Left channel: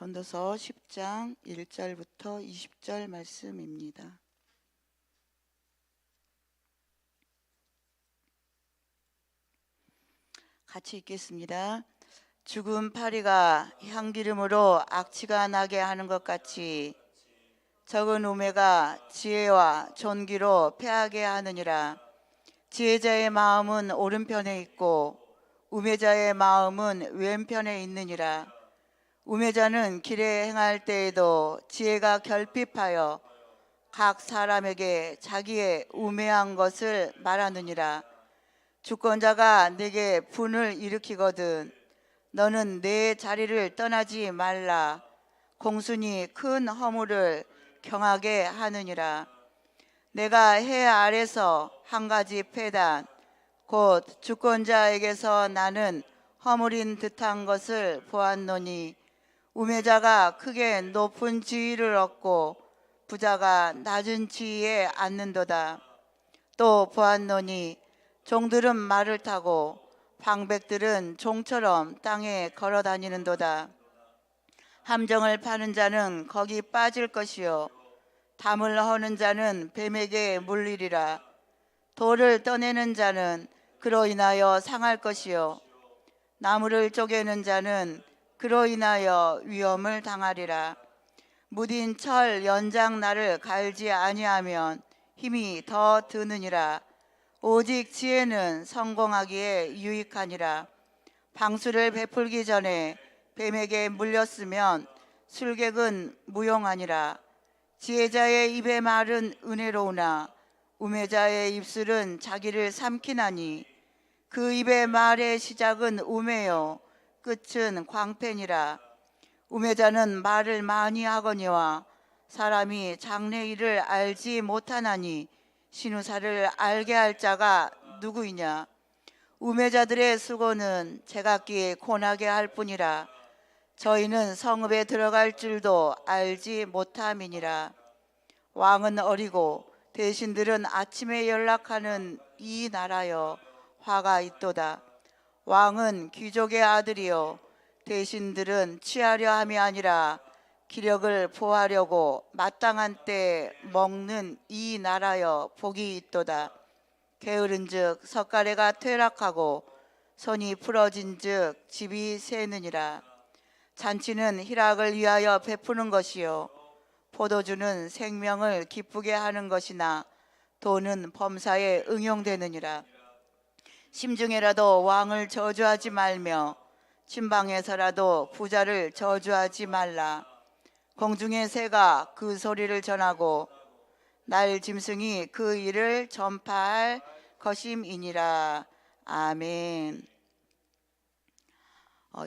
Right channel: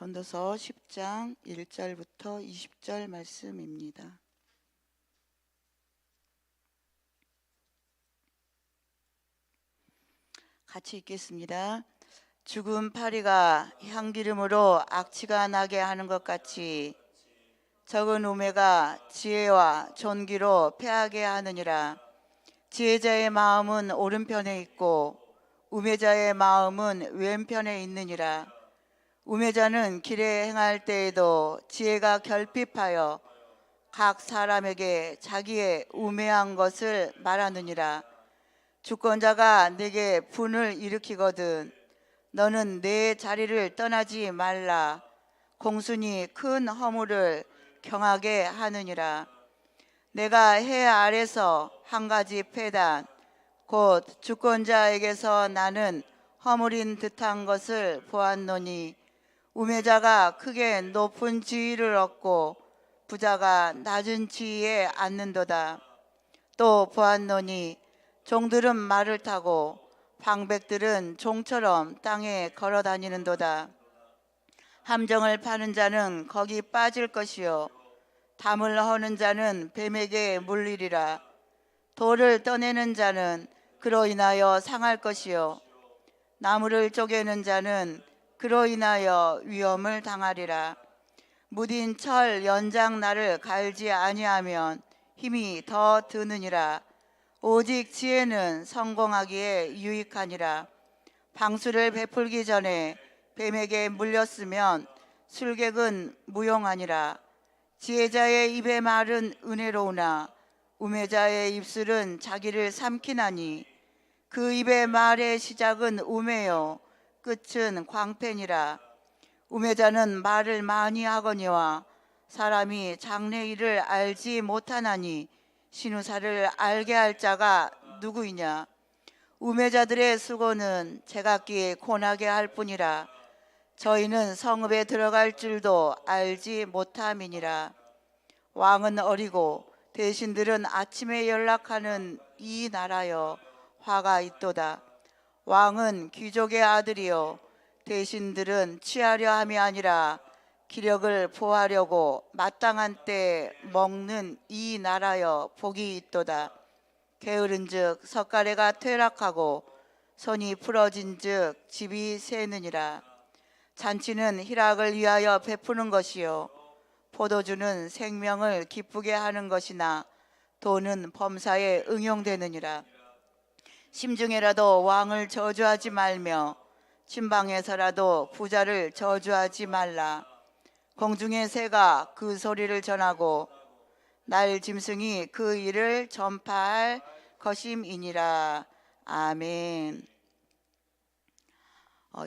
전도서 10장 1절부터 20절 말씀입니다. 같이 읽겠습니다. 죽은 파리가 향기름으로 악취가 나게 하는 것 같이 적은 우매가 지혜와 존귀로 패하게 하느니라. 지혜자의 마음은 오른편에 있고 우매자의 마음은 왼편에 있느니라. 우매자는 길에 행할 때에도 지혜가 결핍하여 각 사람에게 자기의 우매한 것을 말하느니라. 주권자가 내게 분을 일으키거든 너는 내 자리를 떠나지 말라. 공순이 큰 허물을 경하게 하느니라. 내가 해 아래서 한 가지 패단 곧 주권자에게서 나는 허물인 듯한 것을 보았노니 우매자가 크게 높은 지위를 얻고 부자가 낮은 지위에 앉는도다. 또 보았노니 종들은 말을 타고 방백들은 종처럼 땅에 걸어 다니는도다. 함정을 파는 자는 거기 빠질 것이요 담을 허는 자는 뱀에게 물리리라. 돌을 떠내는 자는 그로 인하여 상할 것이요 나무를 쪼개는 자는 그로 인하여 위험을 당하리라. 무딘 철 연장날을 갈지 아니하면 힘이 더 드느니라. 오직 지혜는 성공하기에 유익하니라. 방수를 베풀기 전에 뱀에게 물렸으면 술객은 무용하니라. 지혜자의 입의 말은 은혜로우나 우매자의 입술은 자기를 삼키나니 그 입의 말의 시작은 우매요 끝은 광팬이라. 우매자는 말을 많이 하거니와 사람이 장래일을 알지 못하나니 신우사를 알게 할 자가 누구이냐. 우매자들의 수고는 제각기 고나게 할 뿐이라. 저희는 성읍에 들어갈 줄도 알지 못함이니라. 왕은 어리고 대신들은 아침에 연락하는 이 나라여 화가 있도다. 왕은 귀족의 아들이요 대신들은 취하려 함이 아니라 기력을 보하려고 마땅한 때에 먹는 이 나라여 복이 있도다. 게으른즉 석가래가 퇴락하고 손이 풀어진즉 집이 새느니라. 잔치는 희락을 위하여 베푸는 것이요 포도주는 생명을 기쁘게 하는 것이나 돈은 범사에 응용되느니라. 심중에라도 왕을 저주하지 말며 침방에서라도 부자를 저주하지 말라. 공중의 새가 그 소리를 전하고 날 짐승이 그 일을 전파할 것임이니라. 아멘.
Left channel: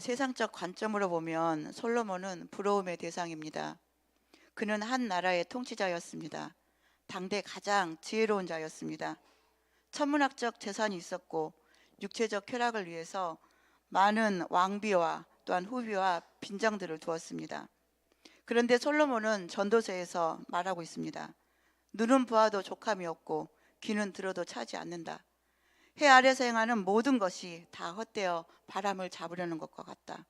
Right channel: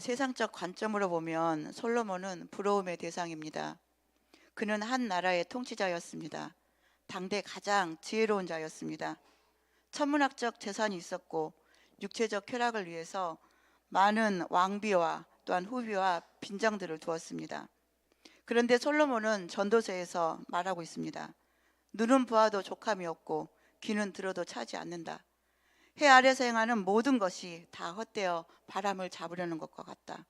세상적 관점으로 보면 솔로몬은 부러움의 대상입니다. 그는 한 나라의 통치자였습니다. 당대 가장 지혜로운 자였습니다. 천문학적 재산이 있었고 육체적 쾌락을 위해서 많은 왕비와 또한 후비와 빈장들을 두었습니다. 그런데 솔로몬은 전도서에서 말하고 있습니다. 눈은 보아도 족함이 없고 귀는 들어도 차지 않는다. 해 아래서 행하는 모든 것이 다 헛되어 바람을 잡으려는 것과 같다.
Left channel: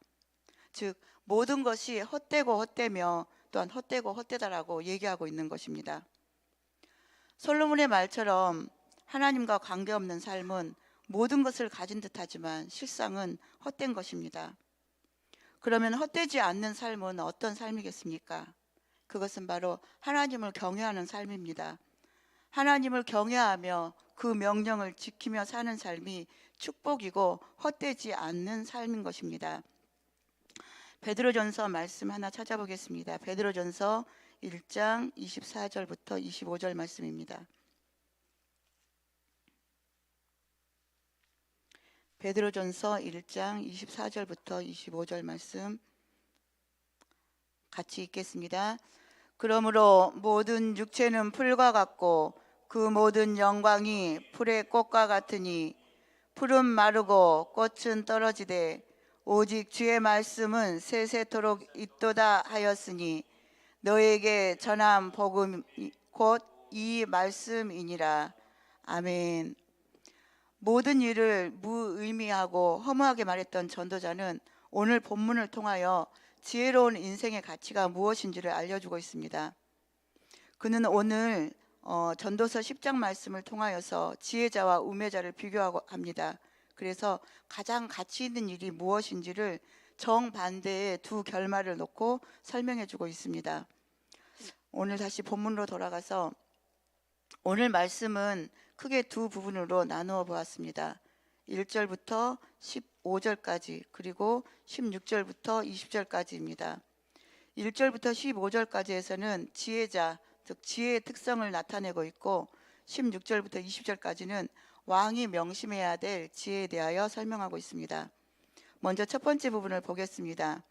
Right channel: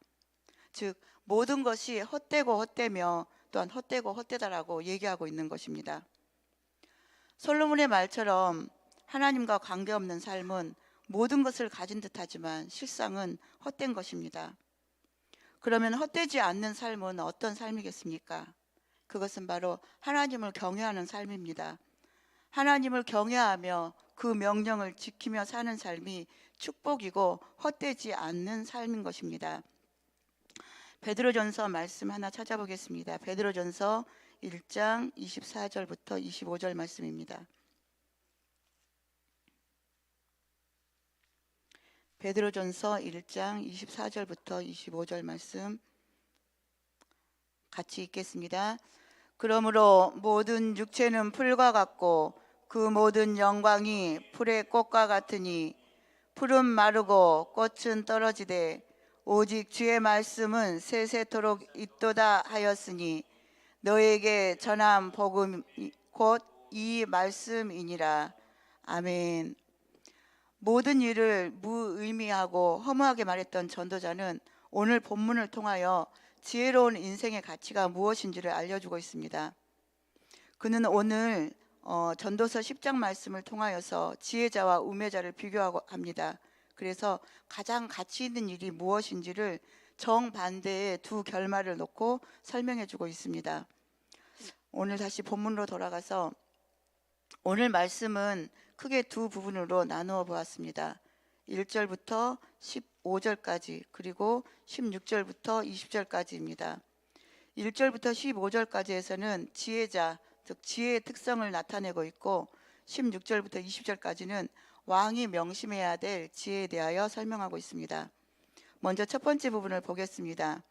즉 모든 것이 헛되고 헛되며 또한 헛되고 헛되다라고 얘기하고 있는 것입니다. 솔로몬의 말처럼 하나님과 관계없는 삶은 모든 것을 가진 듯하지만 실상은 헛된 것입니다. 그러면 헛되지 않는 삶은 어떤 삶이겠습니까? 그것은 바로 하나님을 경외하는 삶입니다. 하나님을 경외하며 그 명령을 지키며 사는 삶이 축복이고 헛되지 않는 삶인 것입니다. 베드로전서 말씀 하나 찾아보겠습니다. 베드로전서 1장 24절부터 25절 말씀입니다. 베드로전서 1장 24절부터 25절 말씀 같이 읽겠습니다. 그러므로 모든 육체는 풀과 같고 그 모든 영광이 풀의 꽃과 같으니 풀은 마르고 꽃은 떨어지되 오직 주의 말씀은 세세토록 있도다 하였으니 너에게 전한 복음 곧 이 말씀이니라. 아멘. 모든 일을 무의미하고 허무하게 말했던 전도자는 오늘 본문을 통하여 지혜로운 인생의 가치가 무엇인지를 알려주고 있습니다. 그는 오늘 전도서 10장 말씀을 통하여서 지혜자와 우매자를 비교하고 합니다. 그래서 가장 가치 있는 일이 무엇인지를 정반대의 두 결말을 놓고 설명해 주고 있습니다. 오늘 다시 본문으로 돌아가서 오늘 말씀은 크게 두 부분으로 나누어 보았습니다. 1절부터 15절까지 그리고 16절부터 20절까지입니다. 1절부터 15절까지에서는 지혜자, 즉 지혜의 특성을 나타내고 있고 16절부터 20절까지는 왕이 명심해야 될 지혜에 대하여 설명하고 있습니다. 먼저 첫 번째 부분을 보겠습니다.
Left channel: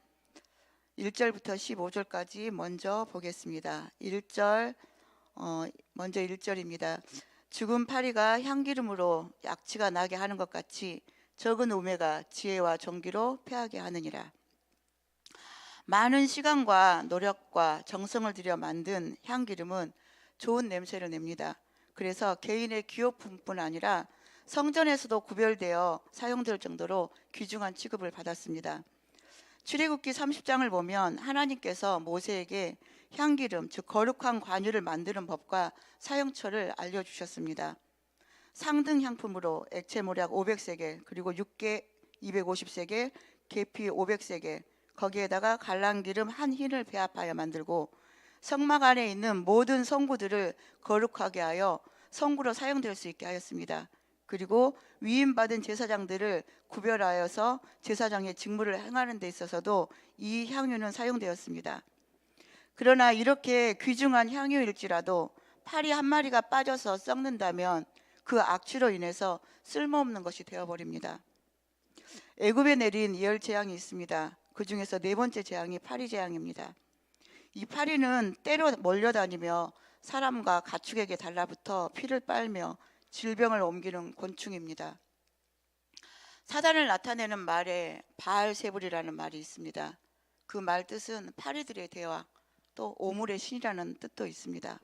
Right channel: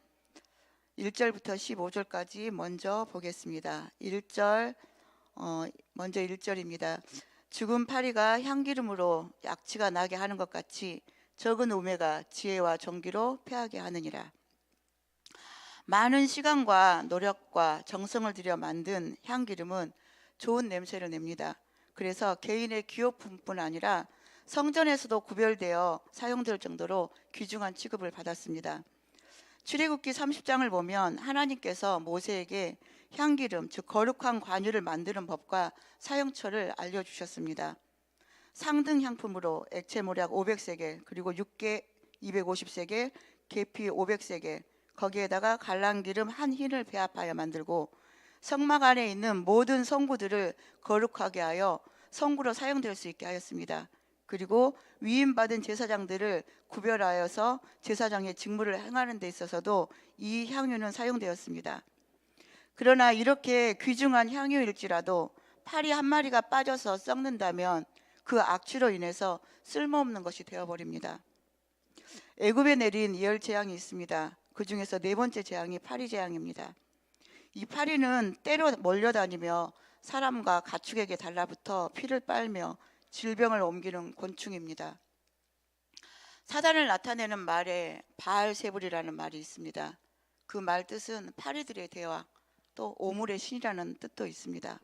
1절부터 15절까지 먼저 보겠습니다. 1절 먼저 1절입니다. 죽은 파리가 향기름으로 약취가 나게 하는 것 같이 적은 우매가 지혜와 정기로 패하게 하느니라. 많은 시간과 노력과 정성을 들여 만든 향기름은 좋은 냄새를 냅니다. 그래서 개인의 기호품뿐 아니라 성전에서도 구별되어 사용될 정도로 귀중한 취급을 받았습니다. 출애굽기 30장을 보면 하나님께서 모세에게 향기름, 즉 거룩한 관유를 만드는 법과 사용처를 알려주셨습니다. 상등 향품으로 액체 모략 500세겔, 그리고 육개 250세겔, 계피 500세겔, 거기에다가 갈랑기름 한 흰을 배합하여 만들고 성막 안에 있는 모든 성구들을 거룩하게 하여 성구로 사용될 수 있게 하였습니다. 그리고 위임받은 제사장들을 구별하여서 제사장의 직무를 행하는 데 있어서도 이 향유는 사용되었습니다. 그러나 이렇게 귀중한 향유일지라도 파리 한 마리가 빠져서 썩는다면 그 악취로 인해서 쓸모없는 것이 되어버립니다. 애굽에 내린 예열 재앙이 있습니다. 그 중에서 네 번째 재앙이 파리 재앙입니다. 이 파리는 때로 몰려다니며 사람과 가축에게 달라붙어 피를 빨며 질병을 옮기는 곤충입니다. 사단을 나타내는 말에 바알세불이라는 말이 있습니다. 그 말 뜻은 파리들의 대왕, 또 오물의 신이라는 뜻도 있습니다.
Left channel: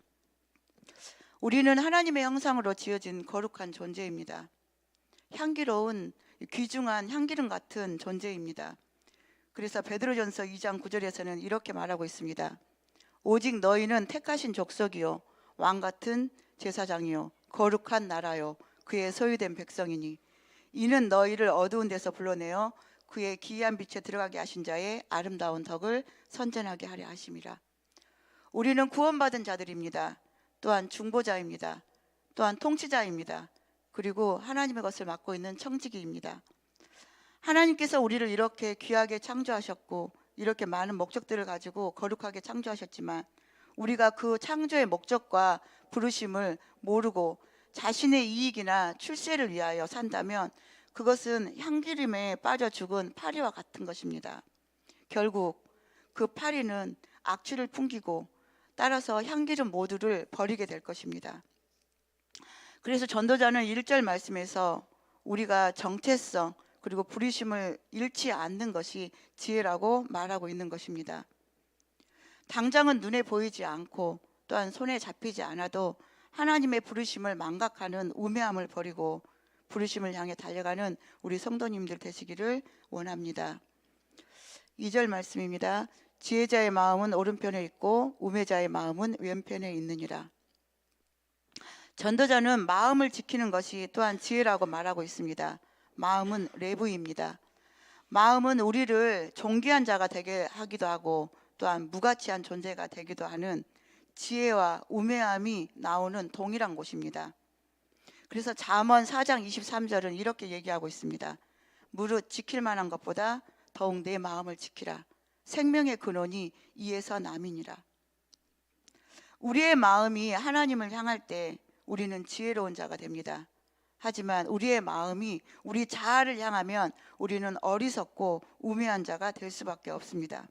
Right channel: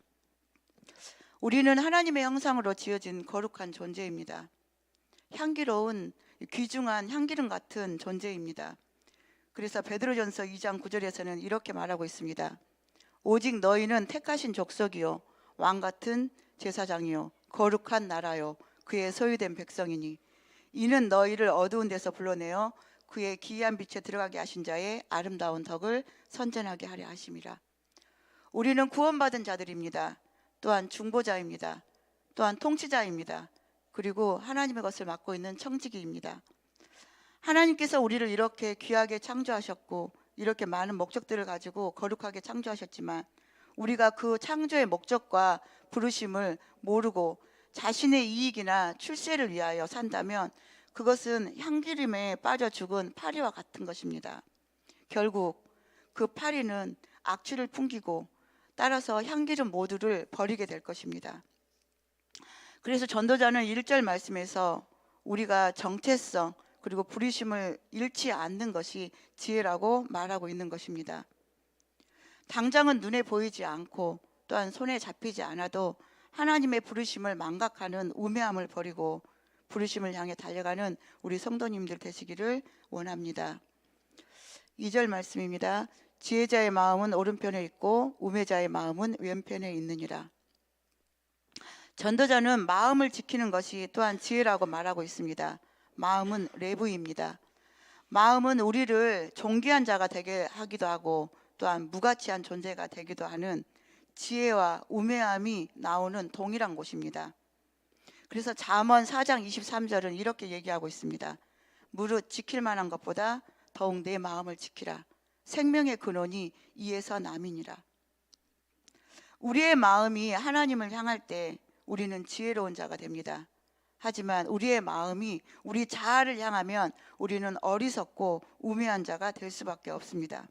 우리는 하나님의 형상으로 지어진 거룩한 존재입니다. 향기로운 귀중한 향기름 같은 존재입니다. 그래서 베드로전서 2장 9절에서는 이렇게 말하고 있습니다. 오직 너희는 택하신 족속이요 왕 같은 제사장이요 거룩한 나라요 그의 소유된 백성이니 이는 너희를 어두운 데서 불러내어 그의 기이한 빛에 들어가게 하신 자의 아름다운 덕을 선전하게 하려 하심이라. 우리는 구원받은 자들입니다. 또한 중보자입니다. 또한 통치자입니다. 그리고 하나님의 것을 맡고 있는 청지기입니다. 하나님께서 우리를 이렇게 귀하게 창조하셨고 이렇게 많은 목적들을 가지고 거룩하게 창조하셨지만 우리가 그 창조의 목적과 부르심을 모르고 자신의 이익이나 출세를 위하여 산다면 그것은 향기름에 빠져 죽은 파리와 같은 것입니다. 결국 그 파리는 악취를 풍기고 따라서 향기름 모두를 버리게 될 것입니다. 그래서 전도자는 1절 말씀에서 우리가 정체성 그리고 부르심을 잃지 않는 것이 지혜라고 말하고 있는 것입니다. 당장은 눈에 보이지 않고 또한 손에 잡히지 않아도 하나님의 부르심을 망각하는 우매함을 버리고 부르심을 향해 달려가는 우리 성도님들 되시기를 원합니다. 2절 말씀입니다. 지혜자의 마음은 오른편에 있고 우매자의 마음은 왼편에 있느니라. 전도자는 마음을 지키는 것이 또한 지혜라고 말하고 있습니다. 마음은 레부입니다. 마음은 우리를 존귀한 자가 되게 하기도 하고 또한 무가치한 존재가 되기도 하는 지혜와 우매함이 나오는 동일한 곳입니다. 그래서 잠언 4장 23절은 이렇게 얘기하고 있습니다. 무릇 지킬 만한 것보다 더욱 내 마음을 지키라. 생명의 근원이 이에서 남이니라. 우리의 마음이 하나님을 향할 때 우리는 지혜로운 자가 됩니다. 하지만 우리의 마음이 우리 자아를 향하면 우리는 어리석고 우매한 자가 될 수밖에 없습니다.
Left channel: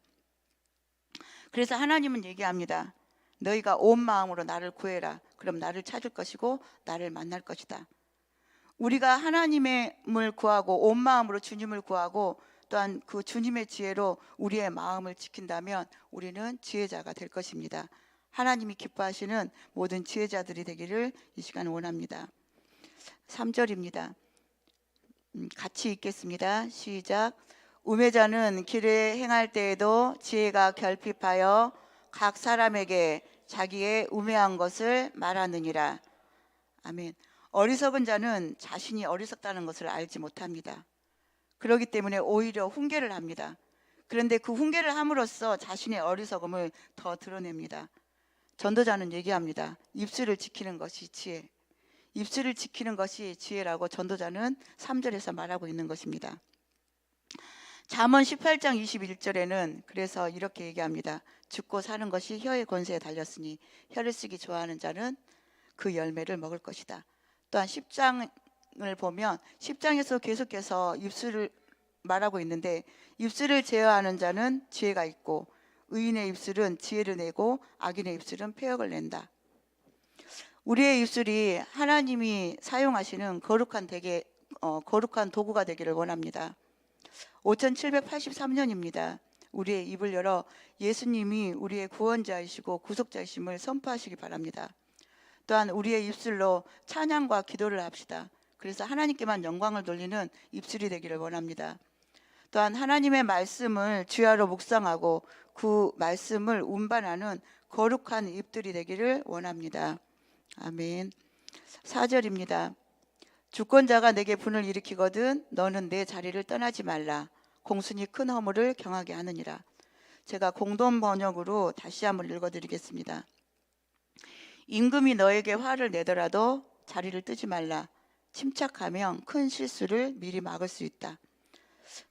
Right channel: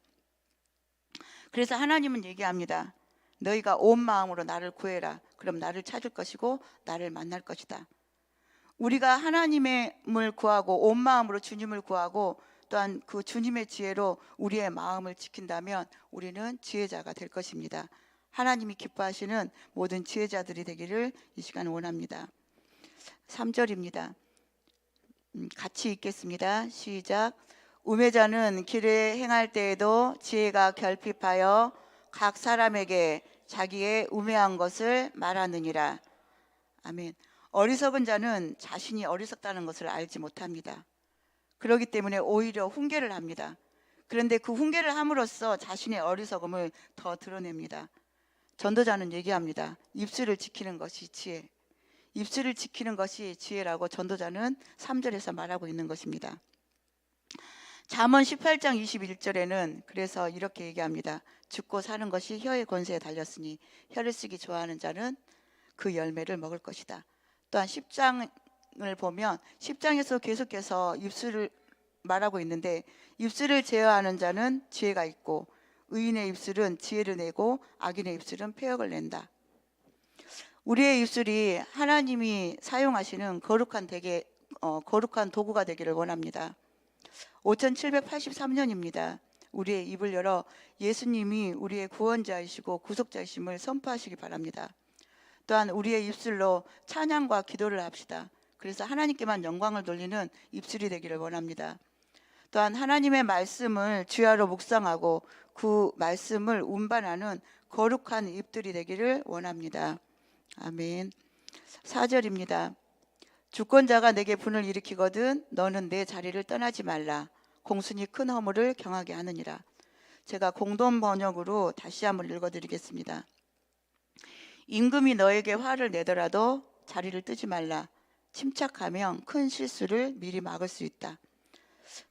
그래서 하나님은 얘기합니다. 너희가 온 마음으로 나를 구해라. 그럼 나를 찾을 것이고 나를 만날 것이다. 우리가 하나님을 구하고 온 마음으로 주님을 구하고 또한 그 주님의 지혜로 우리의 마음을 지킨다면 우리는 지혜자가 될 것입니다. 하나님이 기뻐하시는 모든 지혜자들이 되기를 이 시간 원합니다. 3절입니다. 같이 읽겠습니다. 시작. 우매자는 길에 행할 때에도 지혜가 결핍하여 각 사람에게 자기의 우매한 것을 말하느니라. 아멘. 어리석은 자는 자신이 어리석다는 것을 알지 못합니다. 그렇기 때문에 오히려 훈계를 합니다. 그런데 그 훈계를 함으로써 자신의 어리석음을 더 드러냅니다. 전도자는 얘기합니다. 입술을 지키는 것이 지혜. 입술을 지키는 것이 지혜라고 전도자는 3절에서 말하고 있는 것입니다. 잠언 18장 21절에는 그래서 이렇게 얘기합니다. 죽고 사는 것이 혀의 권세에 달렸으니 혀를 쓰기 좋아하는 자는 그 열매를 먹을 것이다. 또한 10장을 보면 10장에서 계속해서 입술을 말하고 있는데, 입술을 제어하는 자는 지혜가 있고 의인의 입술은 지혜를 내고 악인의 입술은 패역을 낸다. 우리의 입술이 하나님이 사용하시는 거룩한 도구가 되기를 원합니다. 5783년입니다. 우리의 입을 열어 예수님이 우리의 구원자이시고 구속자이심을 선포하시기 바랍니다. 또한 우리의 입술로 찬양과 기도를 합시다. 그래서 하나님께만 영광을 돌리는 입술이 되기를 원합니다. 또한 하나님의 말씀을 주야로 묵상하고 그 말씀을 운반하는 거룩한 입들이 되기를 원합니다. 아멘. 4절입니다. 주권자가 내게 분을 일으키거든 너는 내 자리를 떠나지 말라. 공순이 큰 허물을 경하게 하느니라. 제가 공동 번역으로 다시 한번 읽어드리겠습니다. 임금이 너에게 화를 내더라도 자리를 뜨지 말라. 침착하면 큰 실수를 미리 막을 수 있다.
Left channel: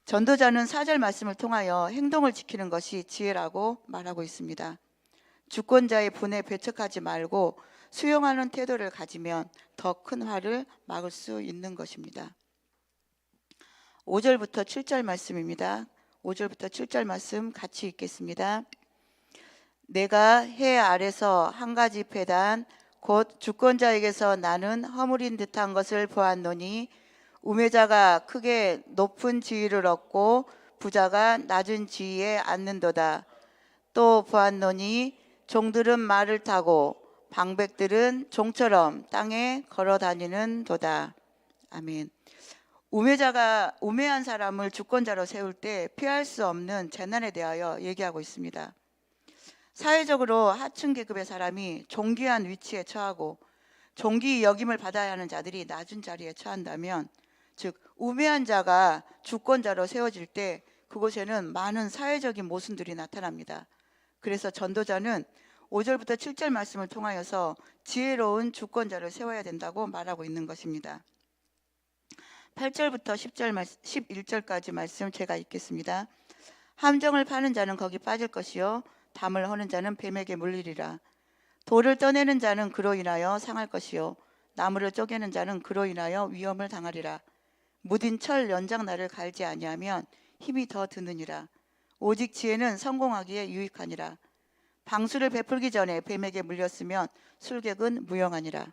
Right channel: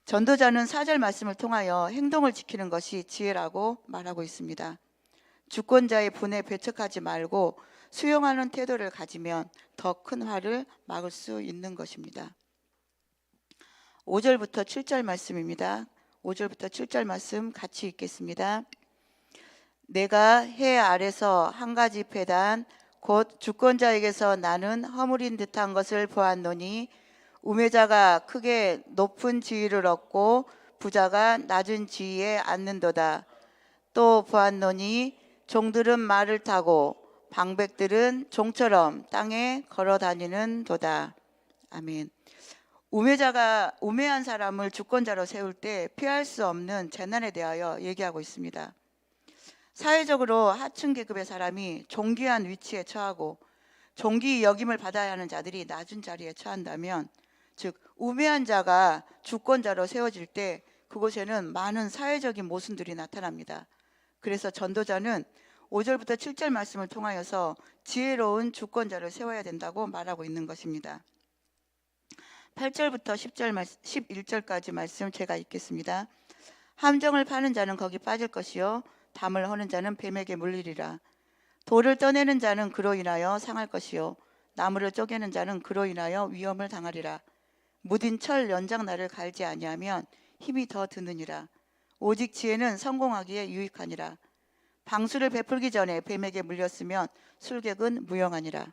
전도자는 4절 말씀을 통하여 행동을 지키는 것이 지혜라고 말하고 있습니다. 주권자의 분에 배척하지 말고 수용하는 태도를 가지면 더 큰 화를 막을 수 있는 것입니다. 5절부터 7절 말씀입니다. 5절부터 7절 말씀 같이 읽겠습니다. 내가 해 아래서 한 가지 패단 곧 주권자에게서 나는 허물인 듯한 것을 보았노니 우매자가 크게 높은 지위를 얻고 부자가 낮은 지위에 앉는도다. 또 보았노니 종들은 말을 타고 방백들은 종처럼 땅에 걸어 다니는 도다. 아멘. 우매한 사람을 주권자로 세울 때 피할 수 없는 재난에 대하여 얘기하고 있습니다. 사회적으로 하층 계급의 사람이 존귀한 위치에 처하고 존귀 여김을 받아야 하는 자들이 낮은 자리에 처한다면, 즉 우매한 자가 주권자로 세워질 때 그곳에는 많은 사회적인 모순들이 나타납니다. 그래서 전도자는 5절부터 7절 말씀을 통하여서 지혜로운 주권자를 세워야 된다고 말하고 있는 것입니다. 8절부터 11절까지 말씀 제가 읽겠습니다. 함정을 파는 자는 거기 빠질 것이요 담을 허는 자는 뱀에게 물리리라. 돌을 떠내는 자는 그로 인하여 상할 것이요 나무를 쪼개는 자는 그로 인하여 위험을 당하리라. 무딘 철 연장날을 갈지 아니하면 힘이 더 드느니라. 오직 지혜는 성공하기에 유익하니라. 방수를 베풀기 전에 뱀에게 물렸으면 술객은 무용하니라.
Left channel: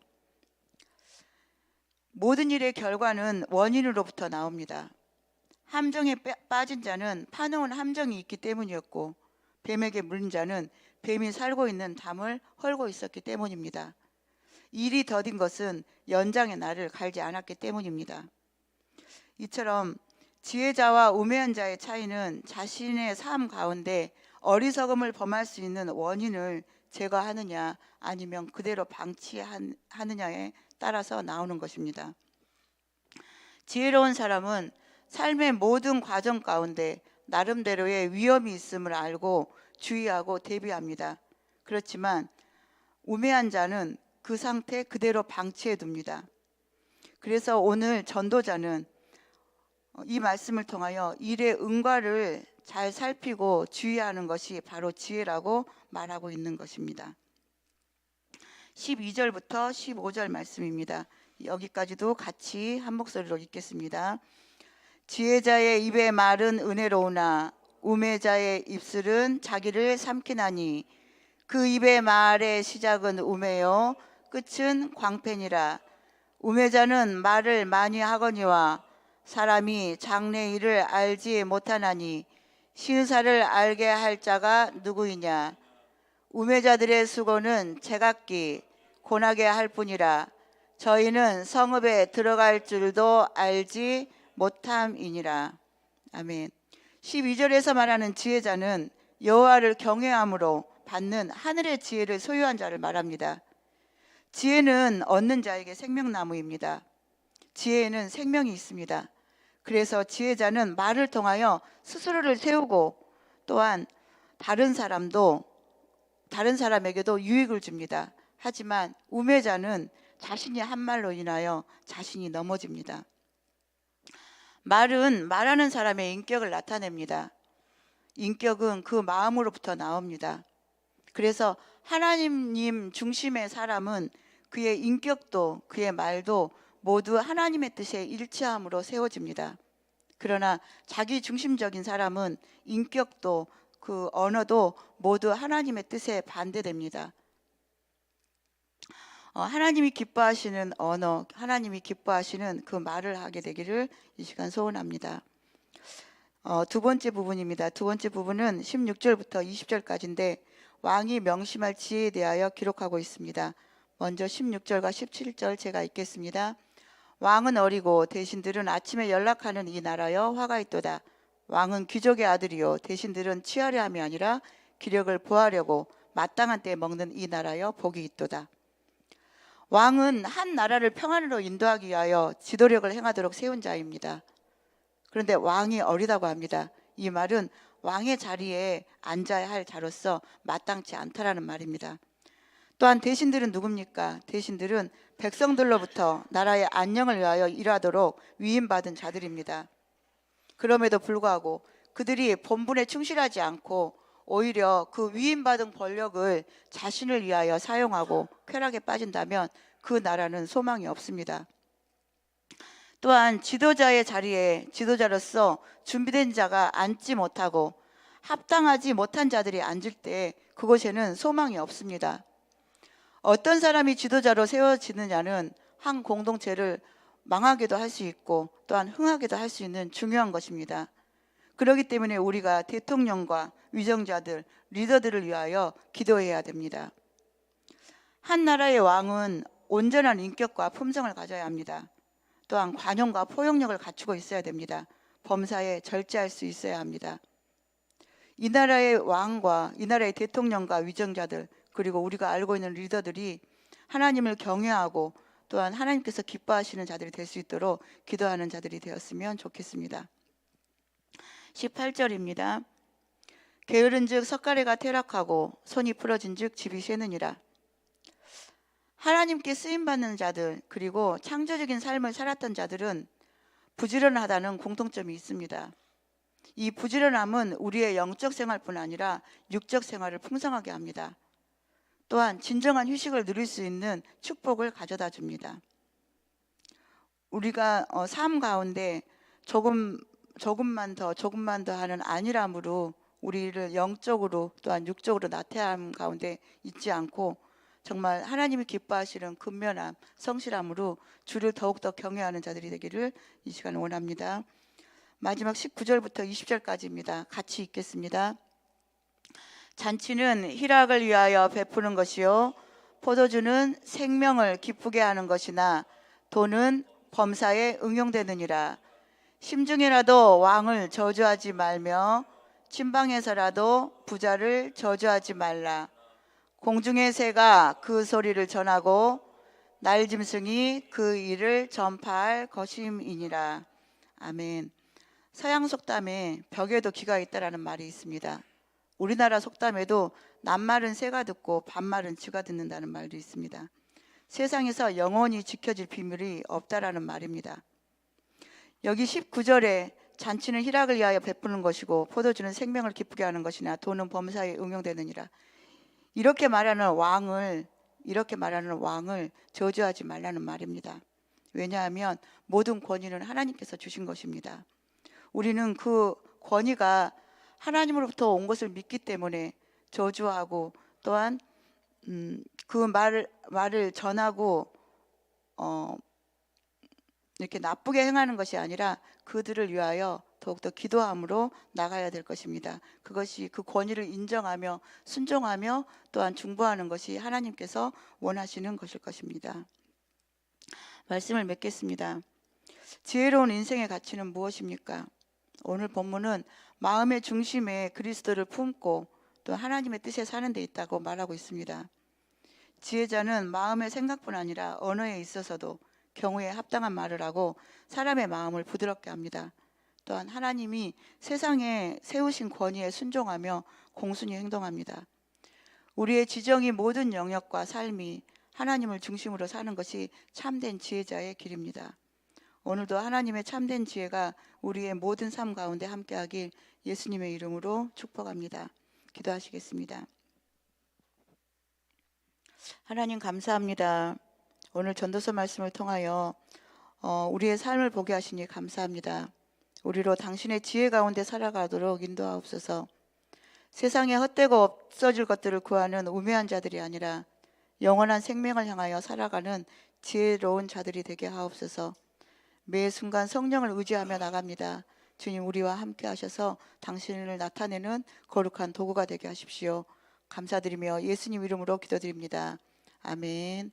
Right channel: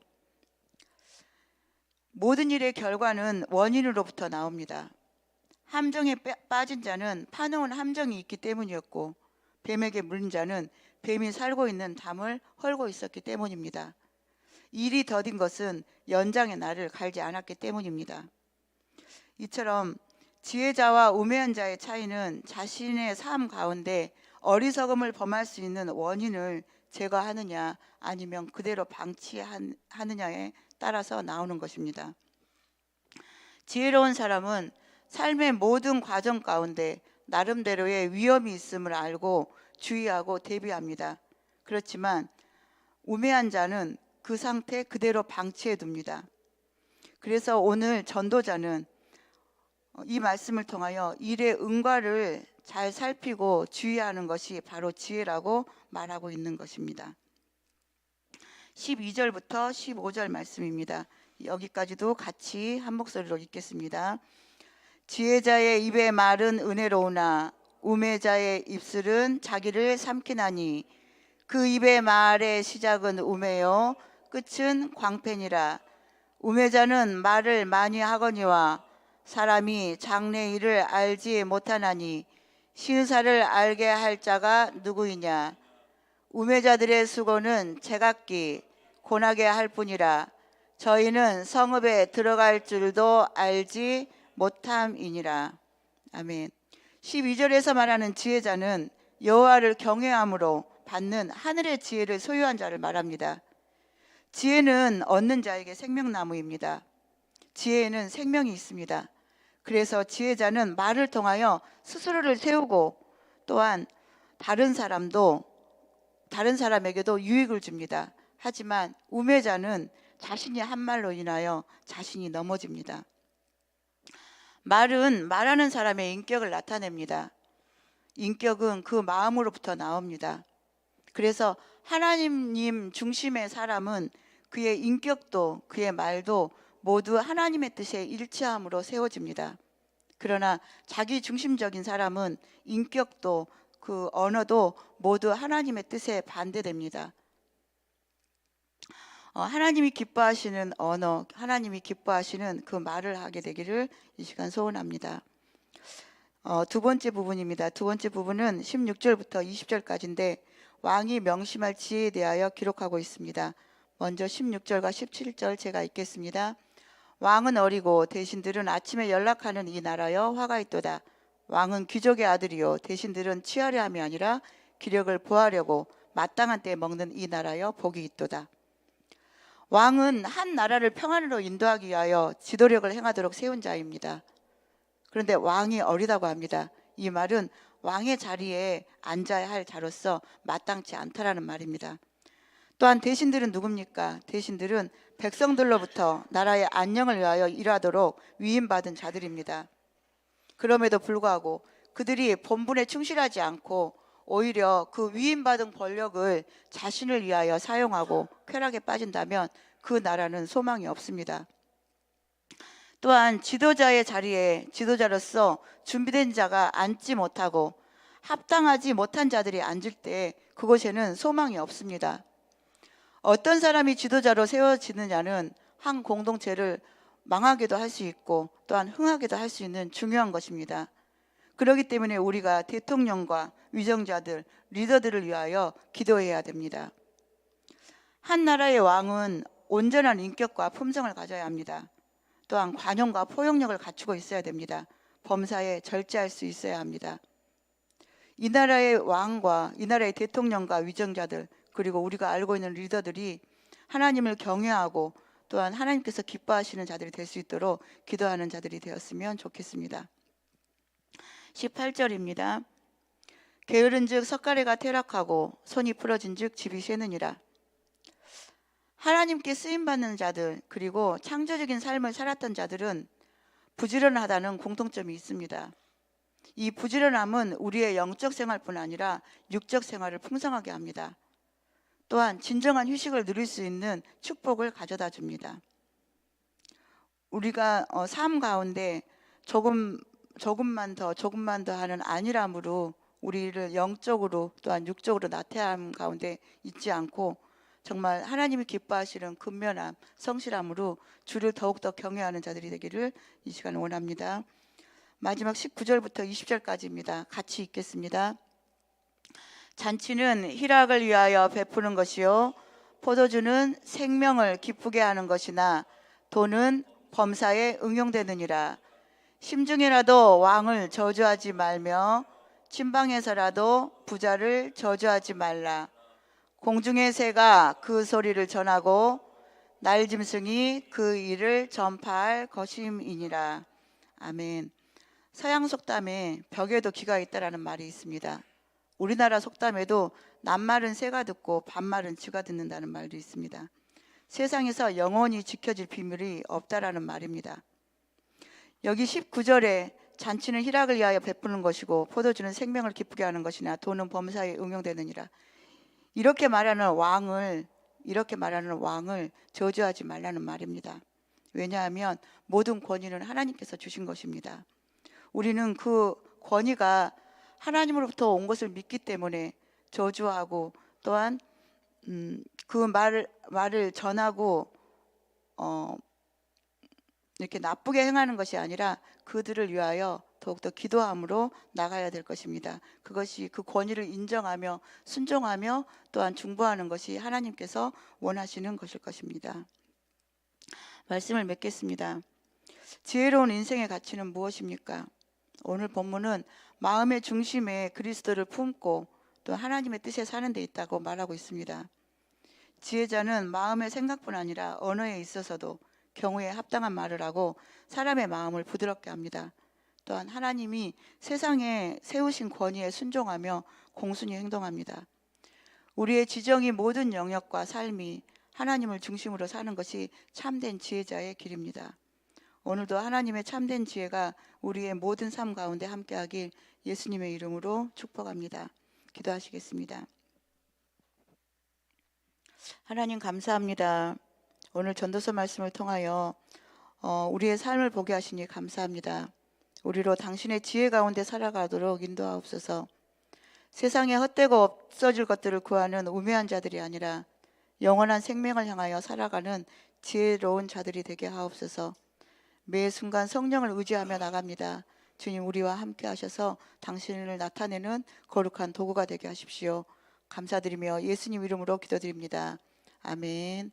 모든 일의 결과는 원인으로부터 나옵니다. 함정에 빠진 자는 파놓은 함정이 있기 때문이었고 뱀에게 물린 자는 뱀이 살고 있는 담을 헐고 있었기 때문입니다. 일이 더딘 것은 연장의 날을 갈지 않았기 때문입니다. 이처럼 지혜자와 우매한 자의 차이는 자신의 삶 가운데 어리석음을 범할 수 있는 원인을 제거하느냐 아니면 그대로 방치하느냐에 따라서 나오는 것입니다. 지혜로운 사람은 삶의 모든 과정 가운데 나름대로의 위험이 있음을 알고 주의하고 대비합니다. 그렇지만 우매한 자는 그 상태 그대로 방치해 둡니다. 그래서 오늘 전도자는 이 말씀을 통하여 일의 응과를 잘 살피고 주의하는 것이 바로 지혜라고 말하고 있는 것입니다. 12절부터 15절 말씀입니다. 여기까지도 같이 한 목소리로 읽겠습니다. 지혜자의 입의 말은 은혜로우나 우매자의 입술은 자기를 삼키나니 그 입의 말의 시작은 우매요 끝은 광팬이라. 우매자는 말을 많이 하거니와 사람이 장래 일을 알지 못하나니 신사를 알게 할 자가 누구이냐. 우매자들의 수고는 제각기 고나게 할 뿐이라. 저희는 성읍에 들어갈 줄도 알지 못함이니라. 아멘. 12절에서 말하는 지혜자는 여호와를 경외함으로 받는 하늘의 지혜를 소유한 자를 말합니다. 지혜는 얻는 자에게 생명나무입니다. 지혜에는 생명이 있습니다. 그래서 지혜자는 말을 통하여 스스로를 세우고 또한 다른 사람에게도 유익을 줍니다. 하지만 우매자는 자신이 한 말로 인하여 자신이 넘어집니다. 말은 말하는 사람의 인격을 나타냅니다. 인격은 그 마음으로부터 나옵니다. 그래서 하나님 중심의 사람은 그의 인격도 그의 말도 모두 하나님의 뜻에 일치함으로 세워집니다. 그러나 자기 중심적인 사람은 인격도 그 언어도 모두 하나님의 뜻에 반대됩니다. 하나님이 기뻐하시는 언어, 하나님이 기뻐하시는 그 말을 하게 되기를 이 시간 소원합니다. 두 번째 부분입니다. 두 번째 부분은 16절부터 20절까지인데 왕이 명심할 지혜에 대하여 기록하고 있습니다. 먼저 16절과 17절 제가 읽겠습니다. 왕은 어리고 대신들은 아침에 연락하는 이 나라여 화가 있도다. 왕은 귀족의 아들이요 대신들은 취하려 함이 아니라 기력을 보하려고 마땅한 때에 먹는 이 나라여 복이 있도다. 왕은 한 나라를 평안으로 인도하기 위하여 지도력을 행하도록 세운 자입니다. 그런데 왕이 어리다고 합니다. 이 말은 왕의 자리에 앉아야 할 자로서 마땅치 않다라는 말입니다. 또한 대신들은 누굽니까? 대신들은 백성들로부터 나라의 안녕을 위하여 일하도록 위임받은 자들입니다. 그럼에도 불구하고 그들이 본분에 충실하지 않고 오히려 그 위임받은 권력을 자신을 위하여 사용하고 쾌락에 빠진다면 그 나라는 소망이 없습니다. 또한 지도자의 자리에 지도자로서 준비된 자가 앉지 못하고 합당하지 못한 자들이 앉을 때 그곳에는 소망이 없습니다. 어떤 사람이 지도자로 세워지느냐는 한 공동체를 망하게도 할 수 있고 또한 흥하게도 할 수 있는 중요한 것입니다. 그렇기 때문에 우리가 대통령과 위정자들, 리더들을 위하여 기도해야 됩니다. 한 나라의 왕은 온전한 인격과 품성을 가져야 합니다. 또한 관용과 포용력을 갖추고 있어야 됩니다. 범사에 절제할 수 있어야 합니다. 이 나라의 왕과 이 나라의 대통령과 위정자들 그리고 우리가 알고 있는 리더들이 하나님을 경외하고 또한 하나님께서 기뻐하시는 자들이 될 수 있도록 기도하는 자들이 되었으면 좋겠습니다. 18절입니다. 게으른즉 석가래가 퇴락하고 손이 부러진즉 집이 쇠느니라. 하나님께 쓰임받는 자들 그리고 창조적인 삶을 살았던 자들은 부지런하다는 공통점이 있습니다. 이 부지런함은 우리의 영적 생활뿐 아니라 육적 생활을 풍성하게 합니다. 또한 진정한 휴식을 누릴 수 있는 축복을 가져다 줍니다. 우리가 삶 가운데 조금만 더 하는 안일함으로 우리를 영적으로 또한 육적으로 나태함 가운데 있지 않고 정말 하나님이 기뻐하시는 근면함, 성실함으로 주를 더욱더 경외하는 자들이 되기를 이 시간 원합니다. 마지막 19절부터 20절까지입니다. 같이 읽겠습니다. 잔치는 희락을 위하여 베푸는 것이요 포도주는 생명을 기쁘게 하는 것이나 돈은 범사에 응용되느니라. 심중에라도 왕을 저주하지 말며 침방에서라도 부자를 저주하지 말라. 공중의 새가 그 소리를 전하고 날짐승이 그 일을 전파할 것임이니라. 아멘. 서양 속담에 벽에도 귀가 있다라는 말이 있습니다. 우리나라 속담에도 낱말은 새가 듣고 반말은 쥐가 듣는다는 말도 있습니다. 세상에서 영원히 지켜질 비밀이 없다라는 말입니다. 여기 19절에 잔치는 희락을 위하여 베푸는 것이고 포도주는 생명을 기쁘게 하는 것이나 돈은 범사에 응용되느니라. 이렇게 말하는 왕을 저주하지 말라는 말입니다. 왜냐하면 모든 권위는 하나님께서 주신 것입니다. 우리는 그 권위가 하나님으로부터 온 것을 믿기 때문에 저주하고 또한 그 말을 전하고 이렇게 나쁘게 행하는 것이 아니라 그들을 위하여 더욱더 기도함으로 나가야 될 것입니다. 그것이 그 권위를 인정하며 순종하며 또한 중보하는 것이 하나님께서 원하시는 것일 것입니다. 말씀을 맺겠습니다. 지혜로운 인생의 가치는 무엇입니까? 오늘 본문은 마음의 중심에 그리스도를 품고 또 하나님의 뜻에 사는 데 있다고 말하고 있습니다. 지혜자는 마음의 생각뿐 아니라 언어에 있어서도 경우에 합당한 말을 하고 사람의 마음을 부드럽게 합니다. 또한 하나님이 세상에 세우신 권위에 순종하며 공순히 행동합니다. 우리의 지정이 모든 영역과 삶이 하나님을 중심으로 사는 것이 참된 지혜자의 길입니다. 오늘도 하나님의 참된 지혜가 우리의 모든 삶 가운데 함께하길 예수님의 이름으로 축복합니다. 기도하시겠습니다. 하나님 감사합니다. 오늘 전도서 말씀을 통하여 우리의 삶을 보게 하시니 감사합니다. 우리로 당신의 지혜 가운데 살아가도록 인도하옵소서. 세상에 헛되고 없어질 것들을 구하는 우매한 자들이 아니라 영원한 생명을 향하여 살아가는 지혜로운 자들이 되게 하옵소서. 매 순간 성령을 의지하며 나갑니다. 주님, 우리와 함께 하셔서 당신을 나타내는 거룩한 도구가 되게 하십시오. 감사드리며 예수님 이름으로 기도드립니다. 아멘.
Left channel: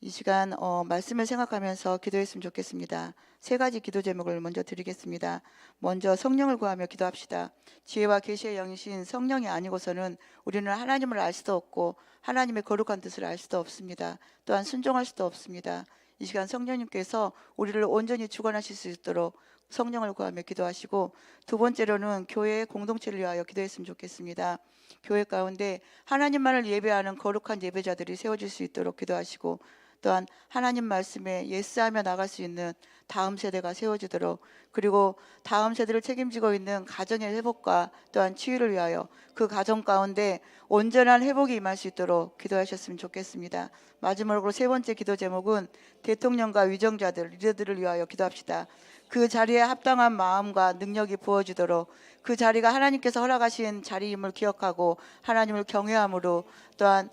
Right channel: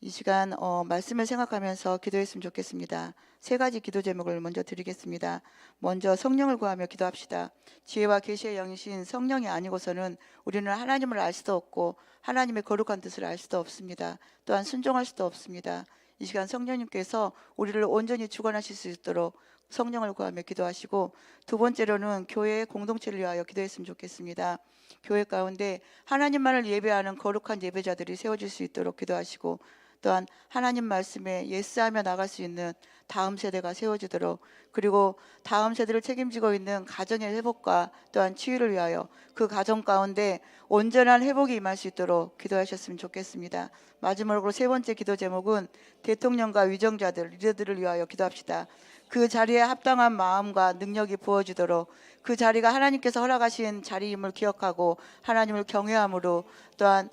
이 시간 말씀을 생각하면서 기도했으면 좋겠습니다. 세 가지 기도 제목을 먼저 드리겠습니다. 먼저 성령을 구하며 기도합시다. 지혜와 계시의 영이신 성령이 아니고서는 우리는 하나님을 알 수도 없고 하나님의 거룩한 뜻을 알 수도 없습니다. 또한 순종할 수도 없습니다. 이 시간 성령님께서 우리를 온전히 주관하실 수 있도록 성령을 구하며 기도하시고, 두 번째로는 교회의 공동체를 위하여 기도했으면 좋겠습니다. 교회 가운데 하나님만을 예배하는 거룩한 예배자들이 세워질 수 있도록 기도하시고, 또한 하나님 말씀에 예스하며 나갈 수 있는 다음 세대가 세워지도록, 그리고 다음 세대를 책임지고 있는 가정의 회복과 또한 치유를 위하여 그 가정 가운데 온전한 회복이 임할 수 있도록 기도하셨으면 좋겠습니다. 마지막으로 세 번째 기도 제목은 대통령과 위정자들, 리더들을 위하여 기도합시다. 그 자리에 합당한 마음과 능력이 부어지도록, 그 자리가 하나님께서 허락하신 자리임을 기억하고 하나님을 경외함으로, 또한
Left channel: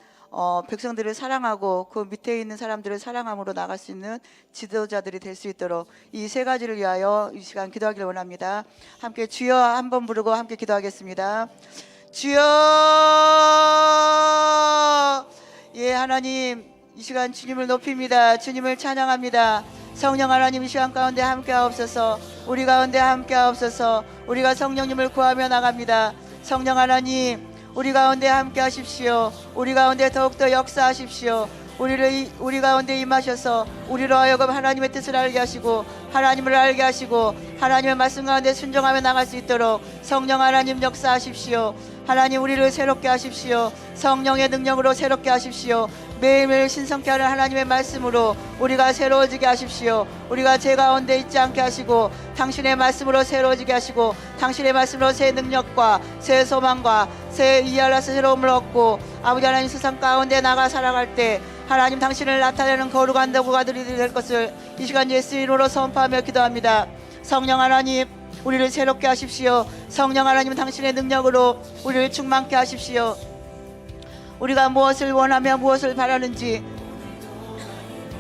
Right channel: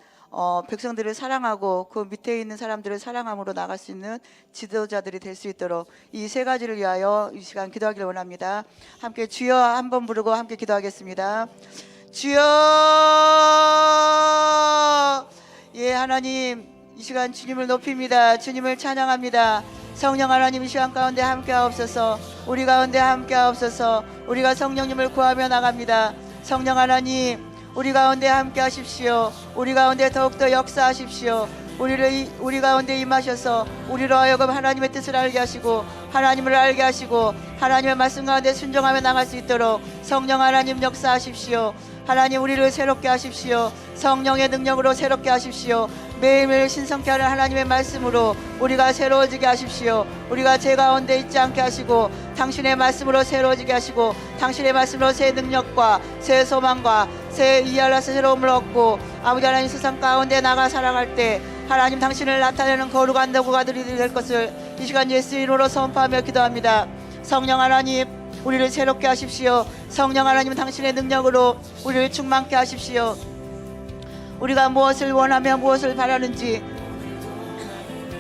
백성들을 사랑하고 그 밑에 있는 사람들을 사랑함으로 나갈 수 있는 지도자들이 될 수 있도록 이 세 가지를 위하여 이 시간 기도하기를 원합니다. 함께 주여 한번 부르고 함께 기도하겠습니다. 주여. 예, 하나님, 이 시간 주님을 높입니다. 주님을 찬양합니다. 성령 하나님, 이 시간 가운데 함께 하옵소서. 우리 가운데 함께 하옵소서. 우리가 성령님을 구하며 나갑니다. 성령 하나님, 우리 가운데 함께 하십시오. 우리 가운데 더욱더 역사하십시오. 우리 가운데 임하셔서 우리로 하여금 하나님의 뜻을 알게 하시고 하나님을 알게 하시고 하나님의 말씀 가운데 순종하며 나갈 수 있도록 성령 하나님 역사하십시오. 하나님, 우리를 새롭게 하십시오. 성령의 능력으로 새롭게 하십시오. 매일매일 신성케 하는 하나님의 말씀으로 우리가 새로워지게 하십시오. 우리가 죄 가운데 있지 않게 하시고 당신의 말씀으로 새로워지게 하시고 당신의 말씀으로 새 능력과 새 소망과 새 이알라스 새로움을 얻고 아버지 하나님, 세상 가운데 나가 살아갈 때 하나님 당신을 나타내는 거룩한 도구가 될 것을 이 시간 예수 이름으로 선포하며 기도합니다. 성령 하나님, 우리를 새롭게 하십시오. 성령 하나님, 당신의 능력으로 우리를 충만케 하십시오. 우리가 무엇을 원하며 무엇을 바라는지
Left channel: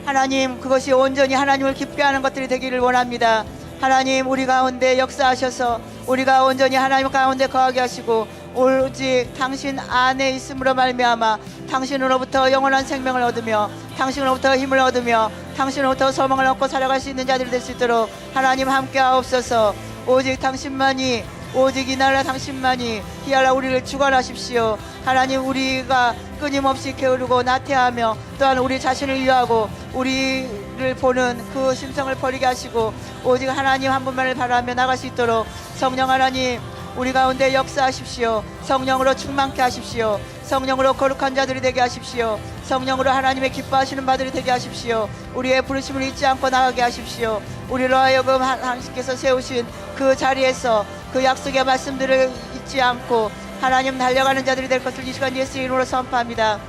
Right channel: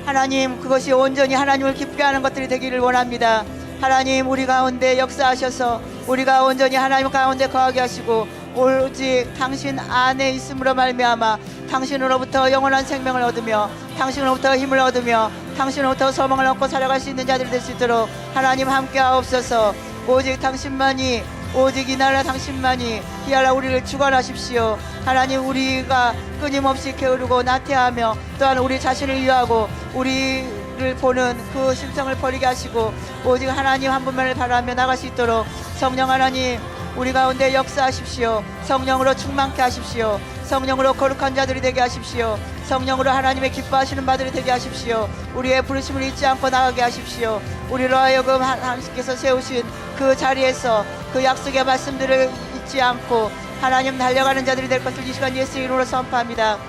하나님, 그것이 온전히 하나님을 기쁘게 하는 것들이 되기를 원합니다. 하나님, 우리 가운데 역사하셔서 우리가 온전히 하나님 가운데 거하게 하시고 오직 당신 안에 있음으로 말미암아 당신으로부터 영원한 생명을 얻으며 당신으로부터 힘을 얻으며 당신으로부터 소망을 얻고 살아갈 수 있는 자들이 될 수 있도록 하나님 함께 하옵소서. 오직 당신만이, 오직 이 나라 당신만이 히알라 우리를 주관하십시오. 하나님, 우리가 끊임없이 게으르고 나태하며 또한 우리 자신을 위하고 우리를 보는 그 심성을 버리게 하시고 오직 하나님 한 분만을 바라며 나갈 수 있도록 성령 하나님, 우리 가운데 역사하십시오. 성령으로 충만케 하십시오. 성령으로 거룩한 자들이 되게 하십시오. 성령으로 하나님의 기뻐하시는 바들이 되게 하십시오. 우리의 부르심을 잊지 않고 나가게 하십시오. 우리로 하여금 당신께서 세우신 그 자리에서 그 약속의 말씀들을 잊지 않고 하나님 달려가는 자들이 될 것을 이 시간 예수 이름으로 선포합니다.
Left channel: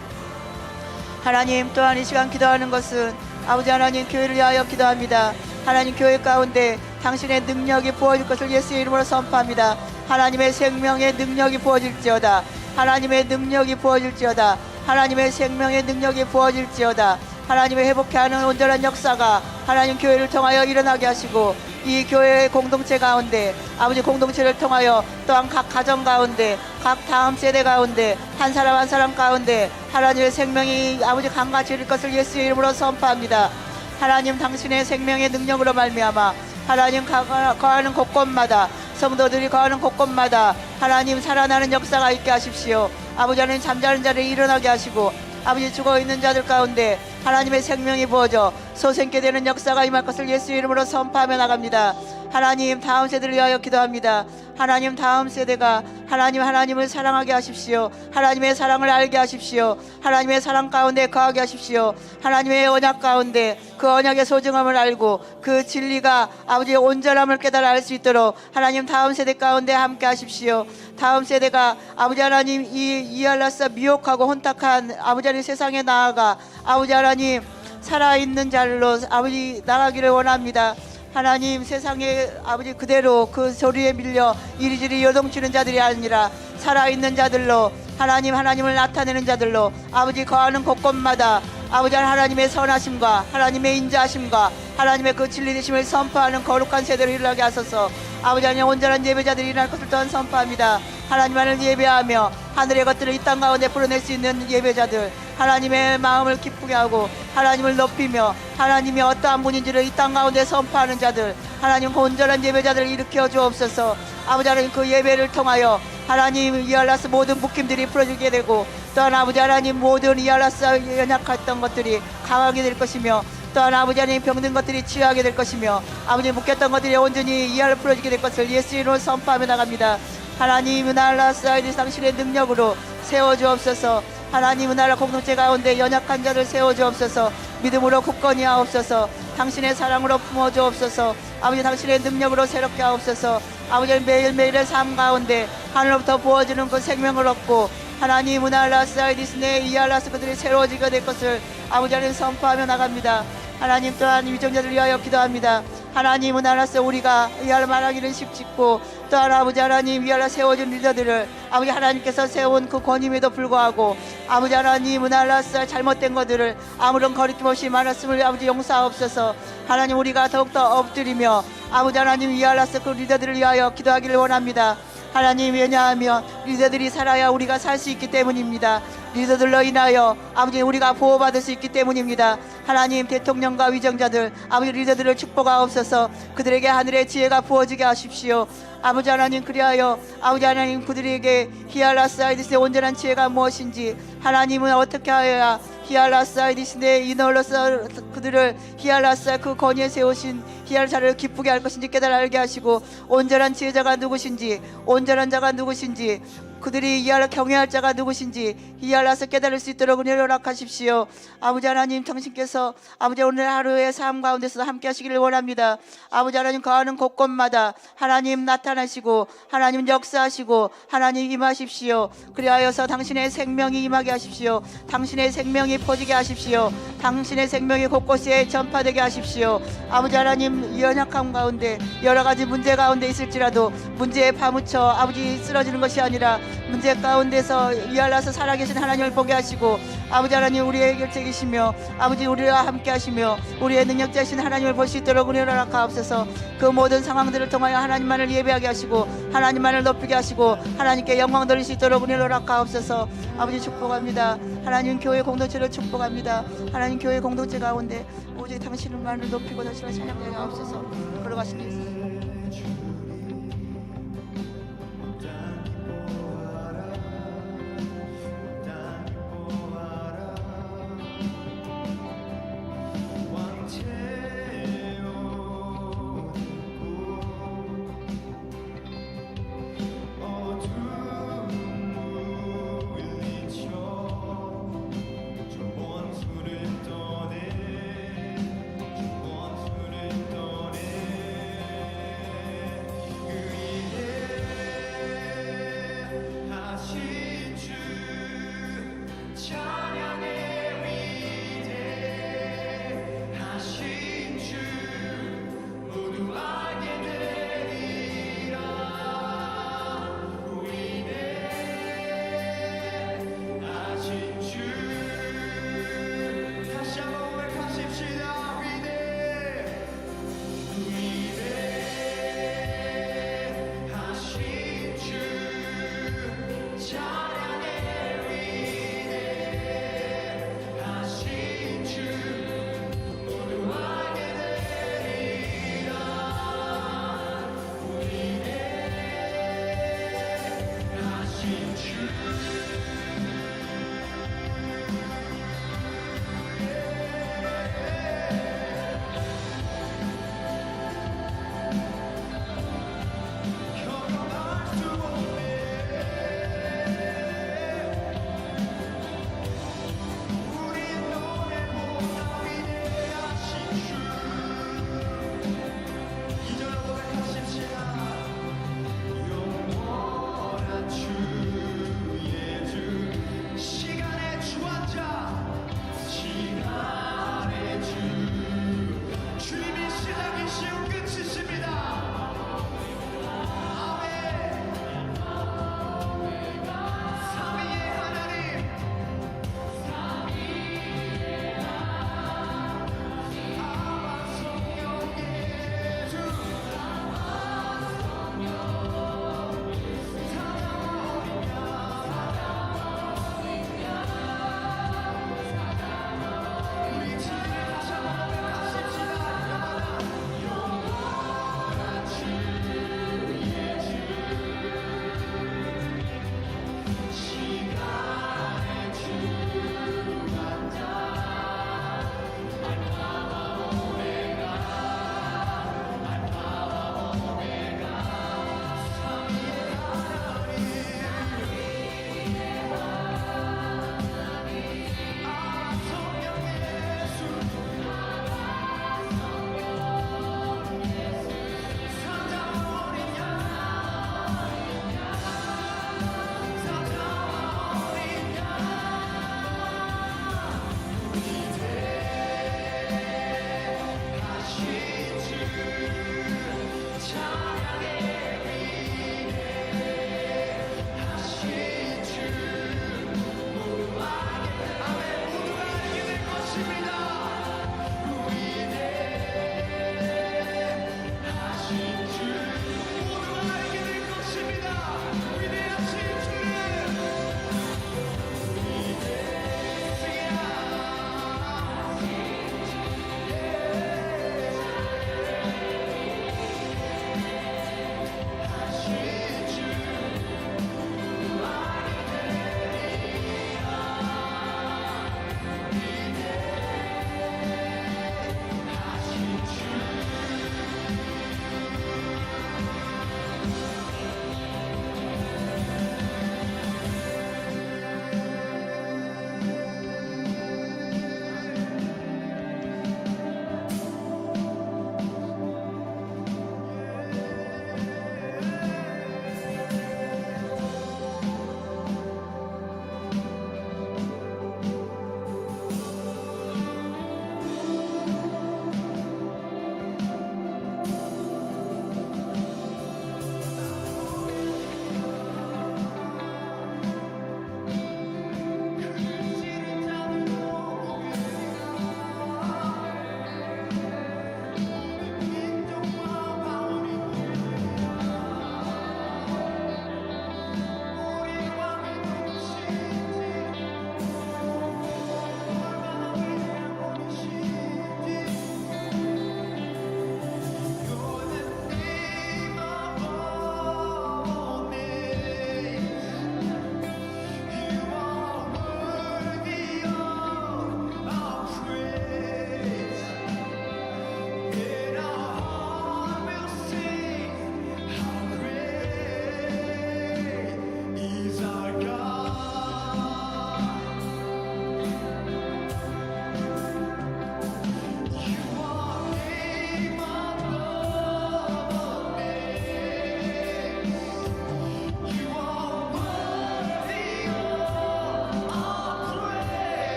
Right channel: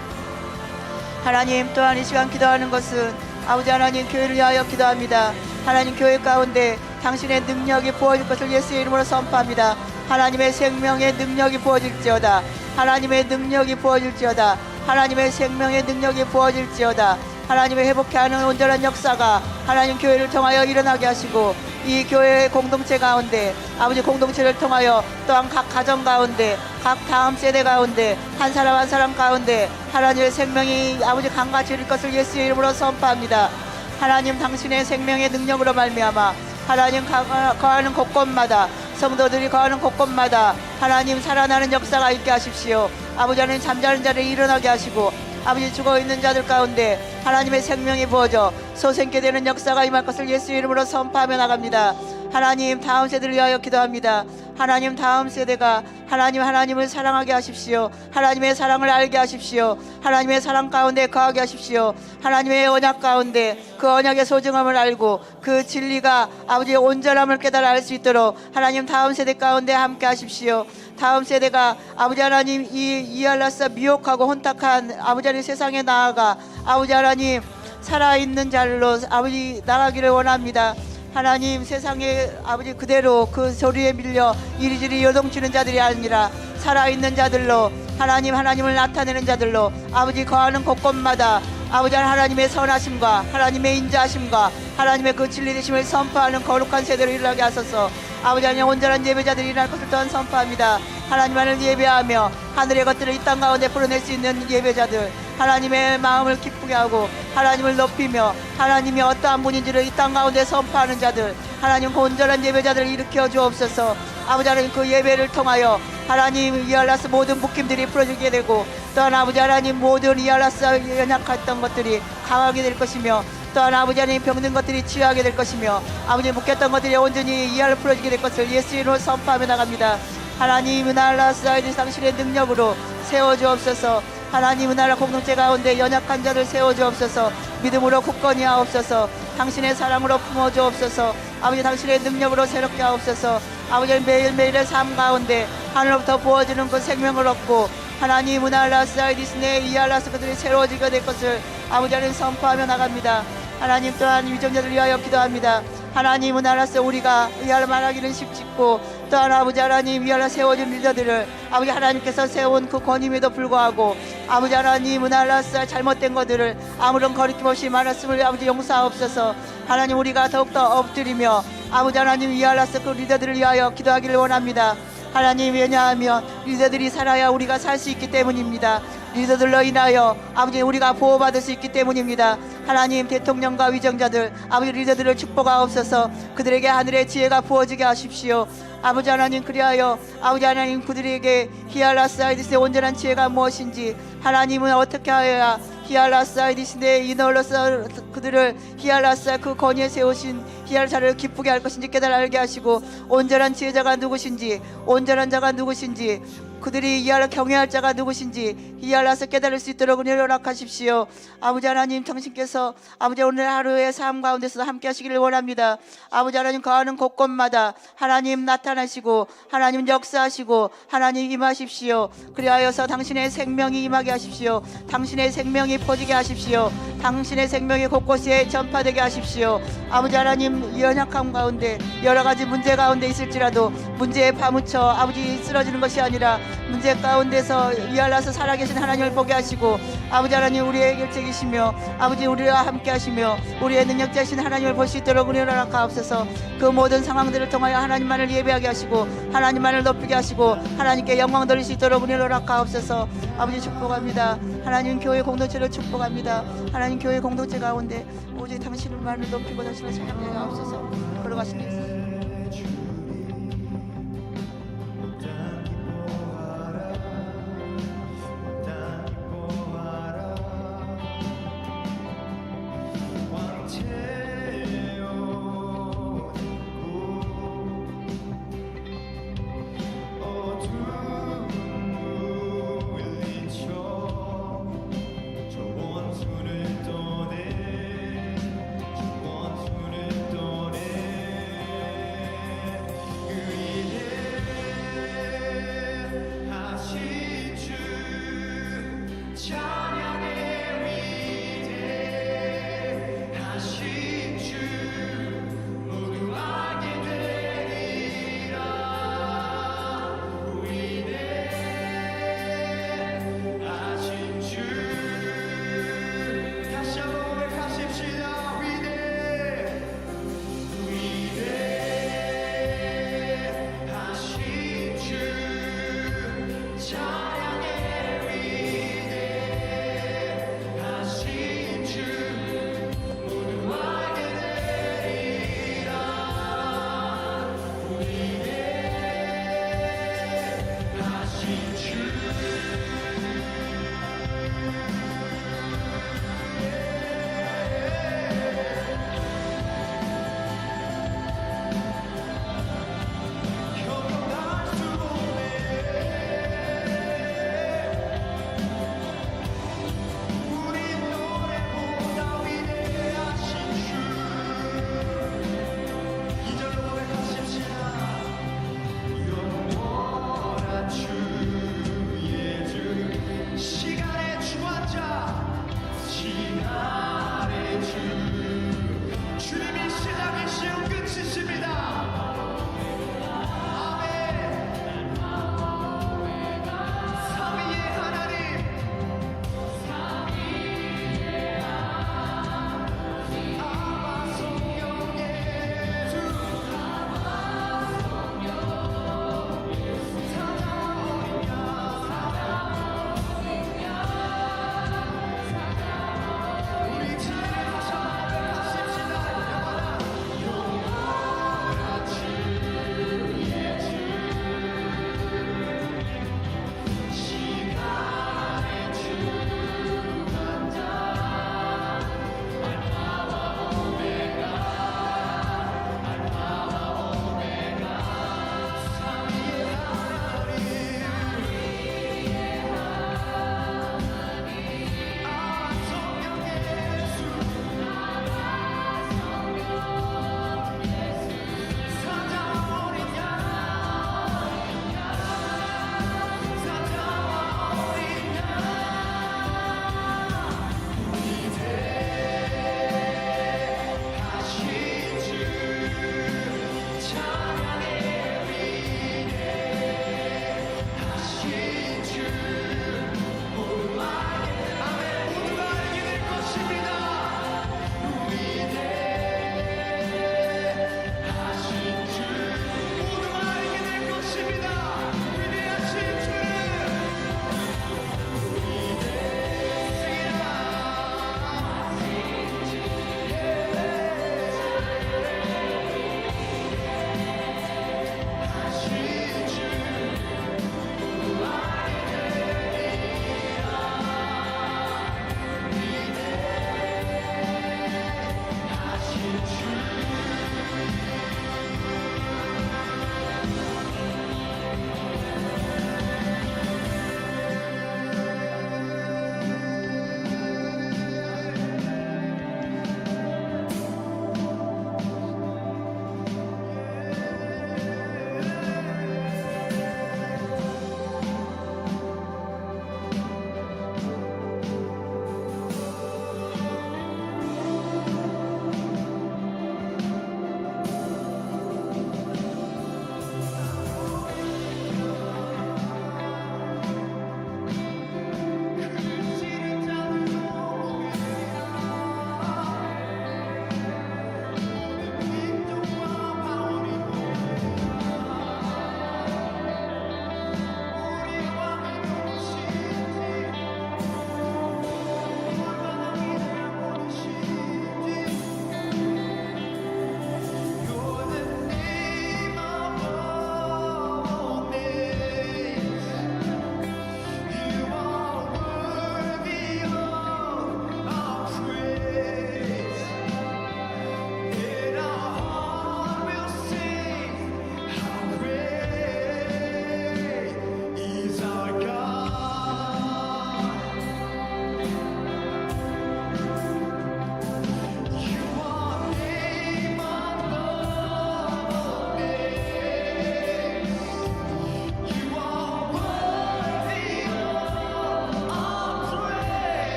하나님, 또한 이 시간 기도하는 것은 아버지 하나님, 교회를 위하여 기도합니다. 하나님, 교회 가운데 당신의 능력이 부어질 것을 예수의 이름으로 선포합니다. 하나님의 생명의 능력이 부어질지어다. 하나님의 능력이 부어질지어다. 하나님의 생명의 능력이 부어질지어다. 하나님의 회복케 하는 온전한 역사가 하나님 교회를 통하여 일어나게 하시고 이 교회의 공동체 가운데 아버지 공동체를 통하여 또한 각 가정 가운데 각 다음 세대 가운데 한 사람 한 사람 가운데 하나님의 생명이 아버지 강같이 이룰 것을 예수의 이름으로 선포합니다. 하나님, 당신의 생명의 능력으로 말미암아 하나님 거하는 곳곳마다 성도들이 거하는 곳곳마다 하나님 살아나는 역사가 있게 하십시오. 아버지 하나님 잠자는 자를 일어나게 하시고 아버지 죽어있는 자들 가운데 하나님의 생명이 부어져 소생케 되는 역사가 임할 것을 예수 이름으로 선포하며 나갑니다. 하나님 다음 세대를 위하여 기도합니다. 하나님 다음 세대가 하나님을 사랑하게 하십시오. 하나님의 사랑을 알게 하십시오. 하나님의 사랑 가운데 거하게 하십시오. 하나님의 언약 가운데 그 언약의 소중함을 알고 그 진리가 아버지의 온전함을 깨달아 알 수 있도록 하나님 다음 세대 가운데 함께 하십시오. 다음 세대가 아버지 하나님 이알라사 미혹하고 혼탁한 아버지 하나님 세상에 나아가 아버지 하나님 살아있는 자로 아버지 나가기를 원합니다. 하나님 세상에 아버지 그대로 그 소리에 밀려 이리저리 요동치는 자들이 아니라 살아있는 자들로 하나님을 나타내는 자들로 아버지 거하는 곳곳마다 아버지 하나님의 선하심과 하나님의 인자하심과 하나님의 그 진리되심을 선포하는 거룩한 세대를 일어나게 하소서. 아버지 하나님 온전한 예배자들이 일어날 것을 또한 선포합니다. 하나님만을 예배하며 하늘의 것들을 이 땅 가운데 풀어낼 수 있는 예배자들, 하나님의 마음을 기쁘게 하고 하나님을 높이며 하나님이 어떠한 분인지를 이 땅 가운데 선포하는 자들, 하나님 온전한 예배자들을 일으켜 주옵소서. 아버지 하나님 그 예배를 통하여 하나님 이알라스 모든 묶임들이 풀어지게 되고 또한 아버지 하나님 모든 이알라스 연약했던 것들이 강하게 될 것이며 또한 아버지 하나님 병든 것들이 치유하게 될 것이며 아버지 묶였던 것들이 온전히 이알로 풀어지게 될 것을 예수 이름으로 선포하며 나갑니다. 하나님 은알라스 아이들 당신의 능력으로 세워주옵소서. 하나님 은혜라 공동체 가운데 연약한 자를 세워주옵소서. 믿음으로 굳건히 하옵소서. 당신의 사랑으로 품어주옵소서. 아버지 당신의 능력으로 새롭게 하옵소서. 아버지 매일매일의 삶 가운데 하늘로부터 부어지는 그 생명을 얻고 하나님 은알라스 아이디스네 이알라스 그들이 새로워지게 될 것을 아버지 하나님 선포하며 나갑니다. 하나님 또한 위정자들 위하여 기도합니다. 하나님 은알라스 우리가 이알 말하기는 쉽짓고 또한 아버지 하나님 위알라 세워준 리더들을 아버지 하나님께서 세운 그 권임에도 불구하고 아버지 하나님 은알라스 잘못된 것들을 아무런 거리낌 없이 말았음을 아버지 용서하옵소서. 하나님 우리가 더욱더 엎드리며 아버지 하나님 위알라스 그 리더들을 위하여 기도하기를 원합니다. 하나님 왜냐하면 리더들이 살아야 우리가 살 수 있기 때문입니다. 리더들로 인하여 아버지 우리가 보호받을 수 있기 때문입니다. 하나님 대통령과 위정자들 아버지 리더들을 축복하옵소서. 그들에게 하늘의 지혜가 부어지게 하십시오. 아버지 하나님 그리하여 아버지 하나님 그들에게 히알라스 아이디스의 온전한 지혜가 무엇인지 하나님은 어떻게 하여야 히알라스 아이디스의 이너로서 그들을 히알라스 그 권위에 세우신 히알자를 기쁘게 할 것인지 깨달아 알게 하시고 온전한 지혜자가 누구신지 온전한 자가 누구신지 그들이 이알라 경외할 자가 누구신지 이알라서 깨달을 수 있도록 은혜를 허락하십시오. 아버지 하나님 당신께서 아버지 오늘 하루의 삶 가운데서 함께 하시기를 원합니다. 아버지 하나님 거하는 곳곳마다 하나님 나타나시고 하나님 역사하시고 하나님 임하십시오. 그리하여서 당신의 생명이 임하게 하십시오. 당신의 생명이 퍼지게 하십시오. 당신의 생명이 곳곳에 전파되게 하십시오. 아버지 하나님 연약함 가운데 여러 가지 문제 가운데 있을지라도 문제에 파묻혀 아버지 쓰러지는 것이 아니라 문제 가운데서 이알라서 살아계신 하나님을 보게 하시고 아버지 하나님 우리의 결책이시며 아버지 우리와 함께 하시며 우리의 능력자신 하나님을 볼 수 있도록 은혜를 허락하옵소서. 그 모든 상황들을 통하여 하나님만을 예배하게 하시고 하나님만을 높이게 하시고 하나님께 영광 돌릴 수 있도록 은혜를 허락하옵소서. 아버지 축복합니다. 하나님 교회 공동체를 축복합니다. 하나님 교회 공동체 가운데 오직 당신만을 높이고 당신을 사랑하게 하옵소서. 걸어가신 예수 찬양의 위대하신 주 모두 알게 되리라. 위대하신 주 다시 한번 고백하십시다. 위대하신 주 찬양의 주 모두 알게 되리라. 위대하신 크시십니다. 아멘. 삼위의 하나님, 아바 성령 예수, 사자와 어린 양, 우리 주님을 다시 한번 고백하십시다. 영원한 영원한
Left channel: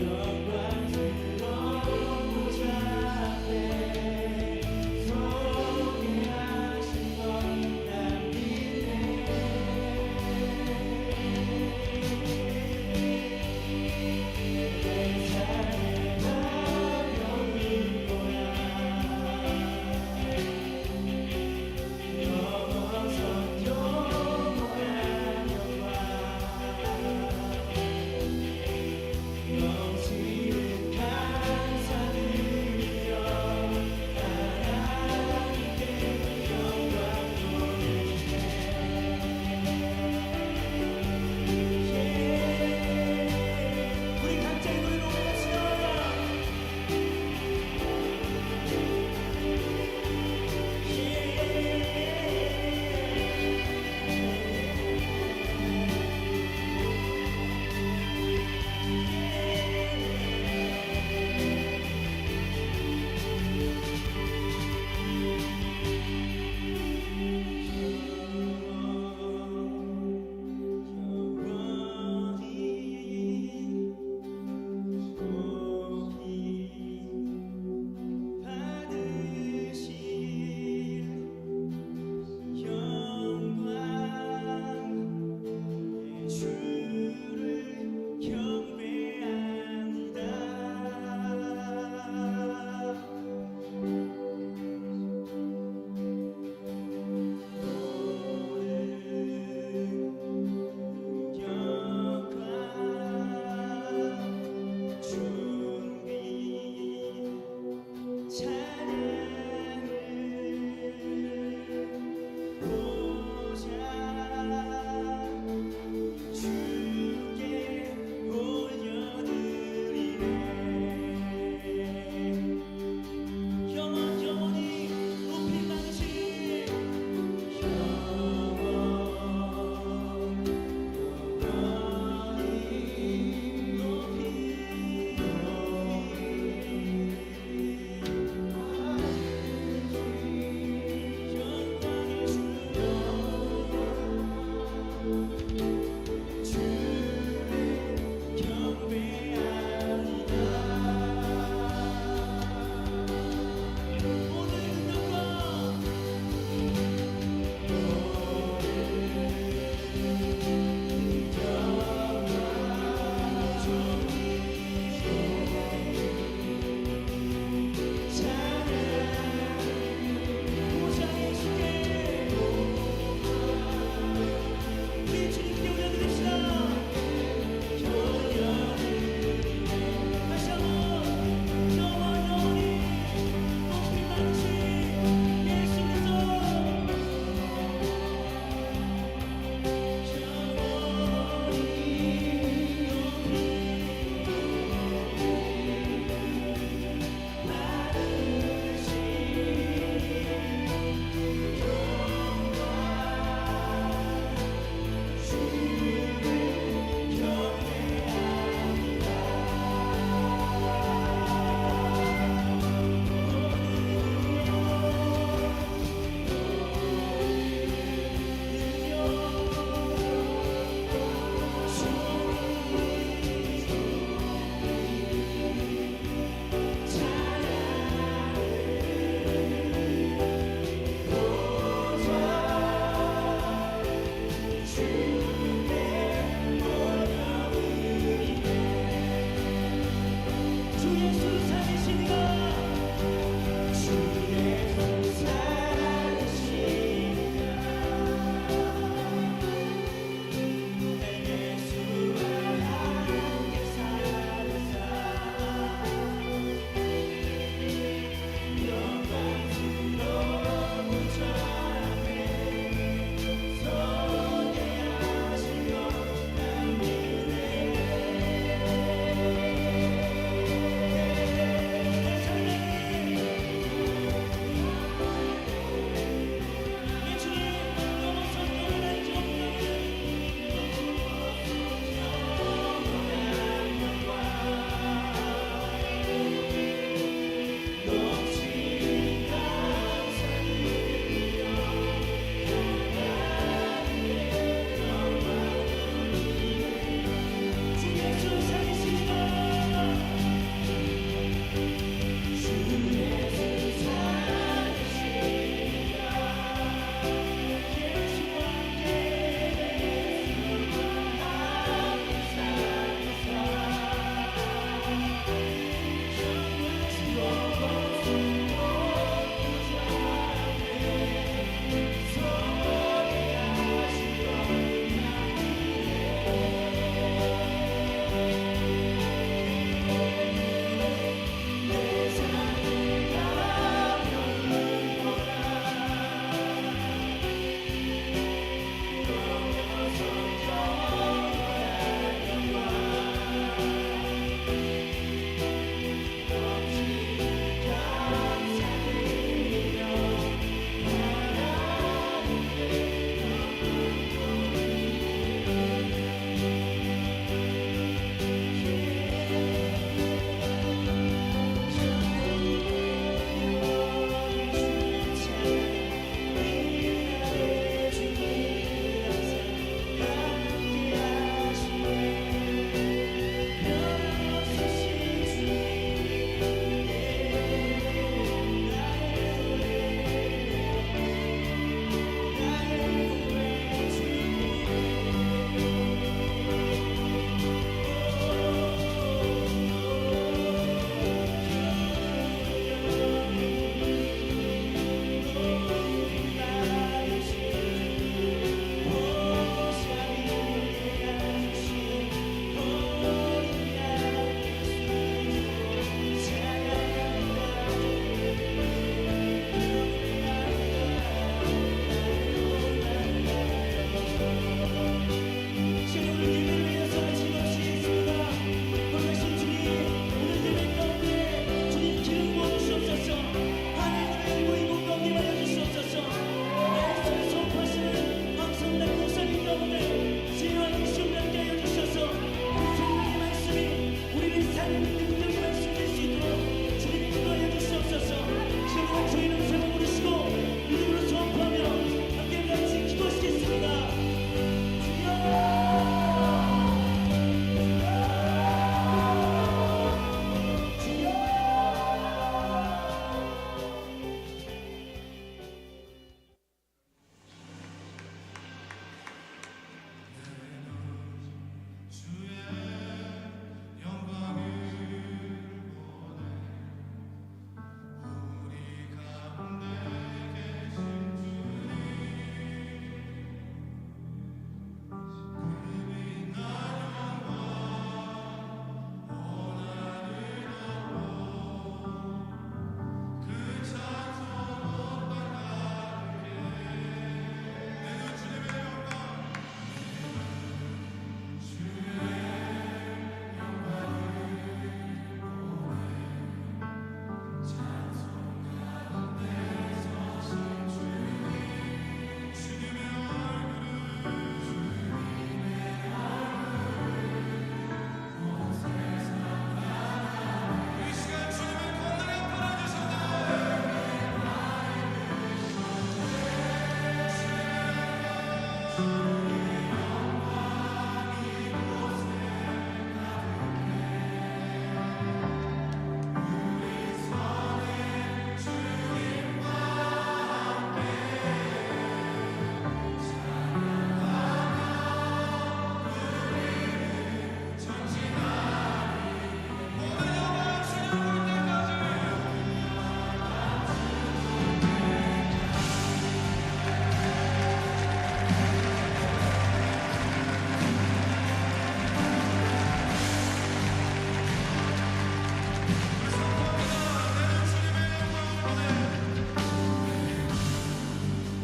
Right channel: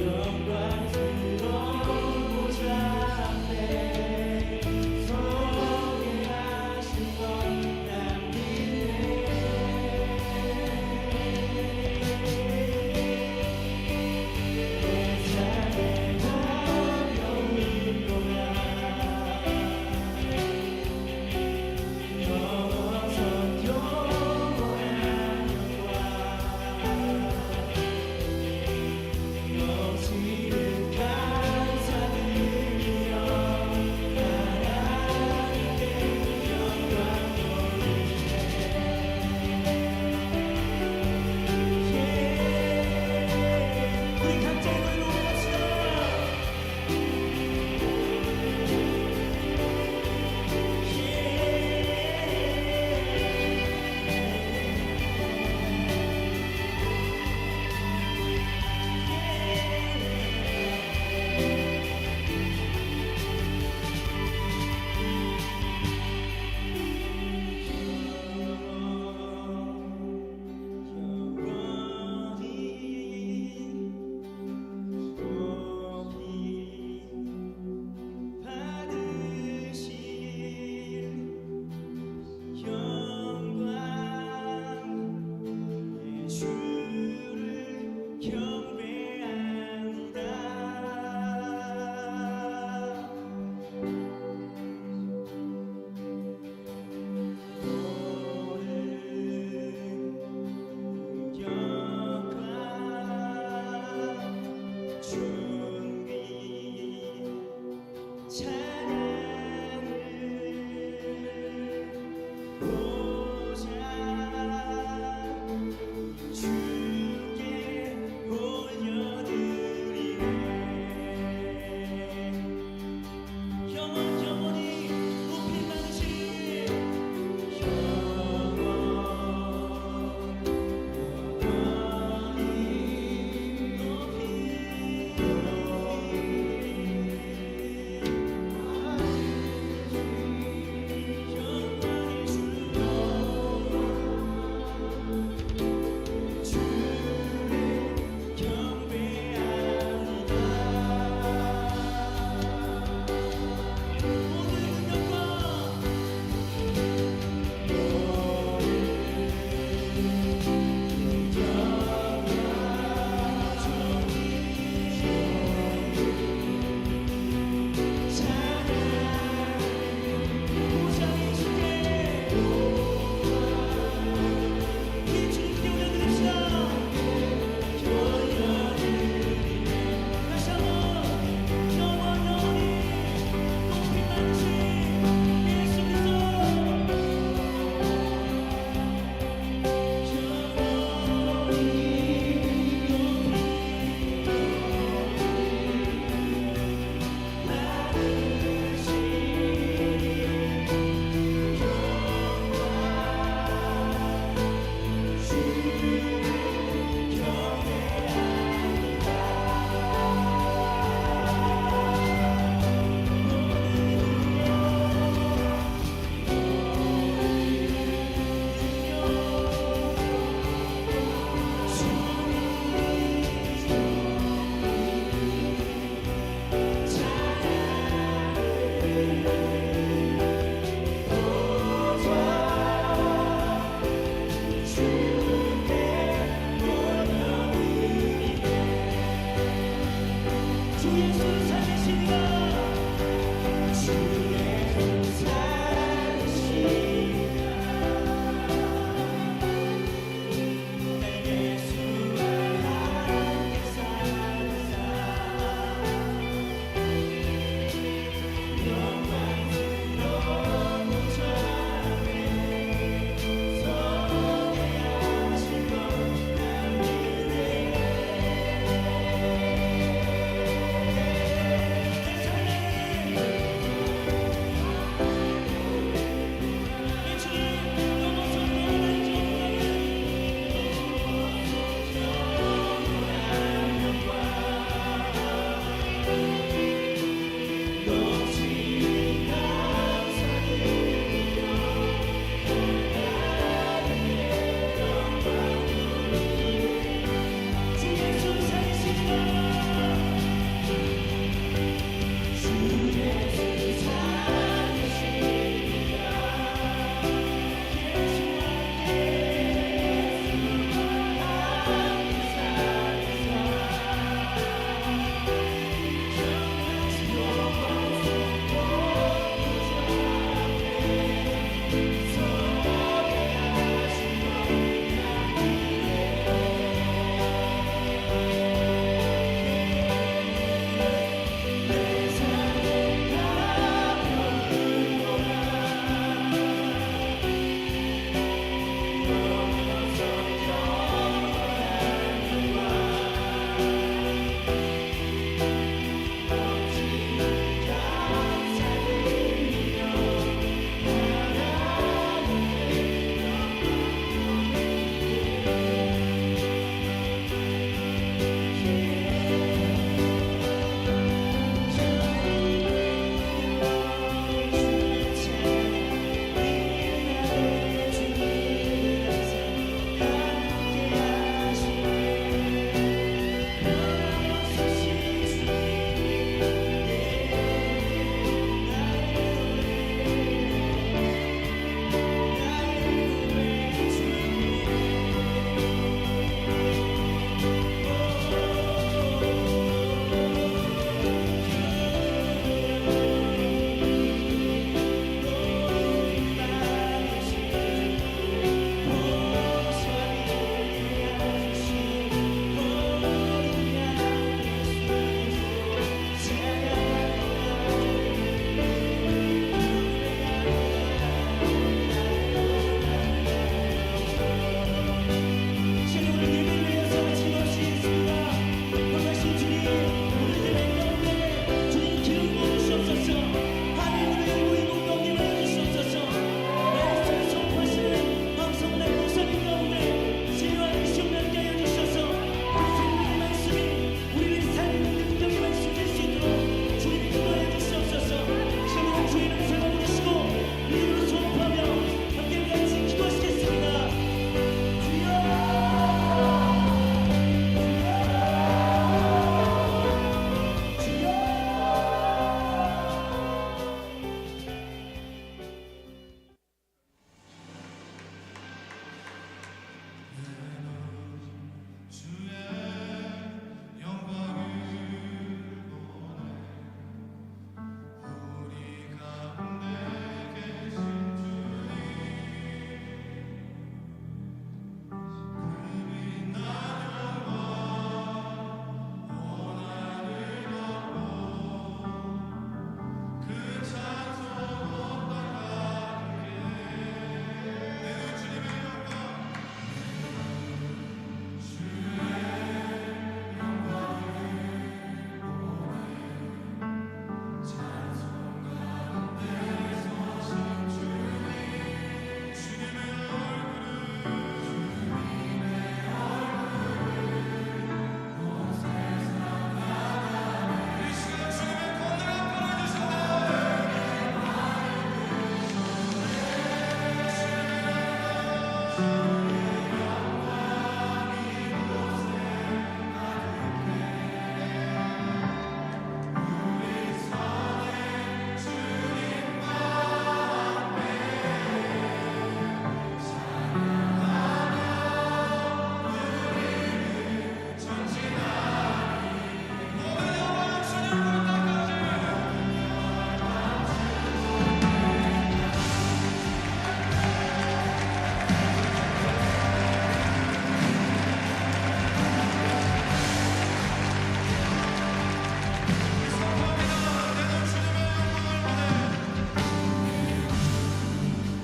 영광스러운 보좌 앞에 서게 하신 것 난 믿네. 내 삶의 가벼운 고난 넘어선 영원한 영광 넘치는 감사드려 하나님께 영광 돌리네. 우리 각자의 노래로 올려갑시다. 받으실 영광 예수를 경배합니다. 모든 능력과 존귀 찬양을 보자 주께 올려드리네. 영원히 높이 많으신 영원히 높이 영광의 주를 경배합니다. 모든 능력과 보좌에 주께 우리 주님께 올려드립시다. 다시 한번 영원히 높이 많으신 예수 그리스도 영원히 높이 받으신 영광 주를 경배합니다. 주 예수 살리시니라. 주 예수 살리시니라. 날 예수와 함께 살으사 영광스러운 보좌 앞에 서게 하실 것 난 믿네. 내 삶에 주시옵소서. 하늘 문을 열고 이곳 가운데 임하여 주시옵소서. 말씀을 선포하시는 황성당 목사님 가운데 지혜와 인식을 함께 하여 주셔서 그 생명의 말씀이 우리를 살리는 능력의 말씀이 될 수 있도록 주님 인도하여 주시옵소서. 시험으로 주의 이름 세번 부르시고 믿음으로 선포하며 함께 같이 기도하시겠습니다. 주여, 주여, 주여. 주의 영광을 보내 우리 가운데 계신 주님 그 빛난 영광 온 하늘 덮고 그 찬송 온 땅 가득해 내 주 주님의 영광 주님의 얼굴을 우리 시간 주님의 권능에 바라주신다 모든 영광 주님 볼 때까지 우리 선포합니다. 내는 주님의 영광을 보내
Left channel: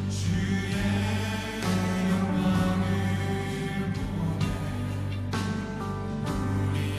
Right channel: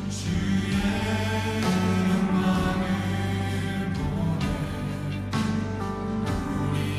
주의 영광을 보내 우리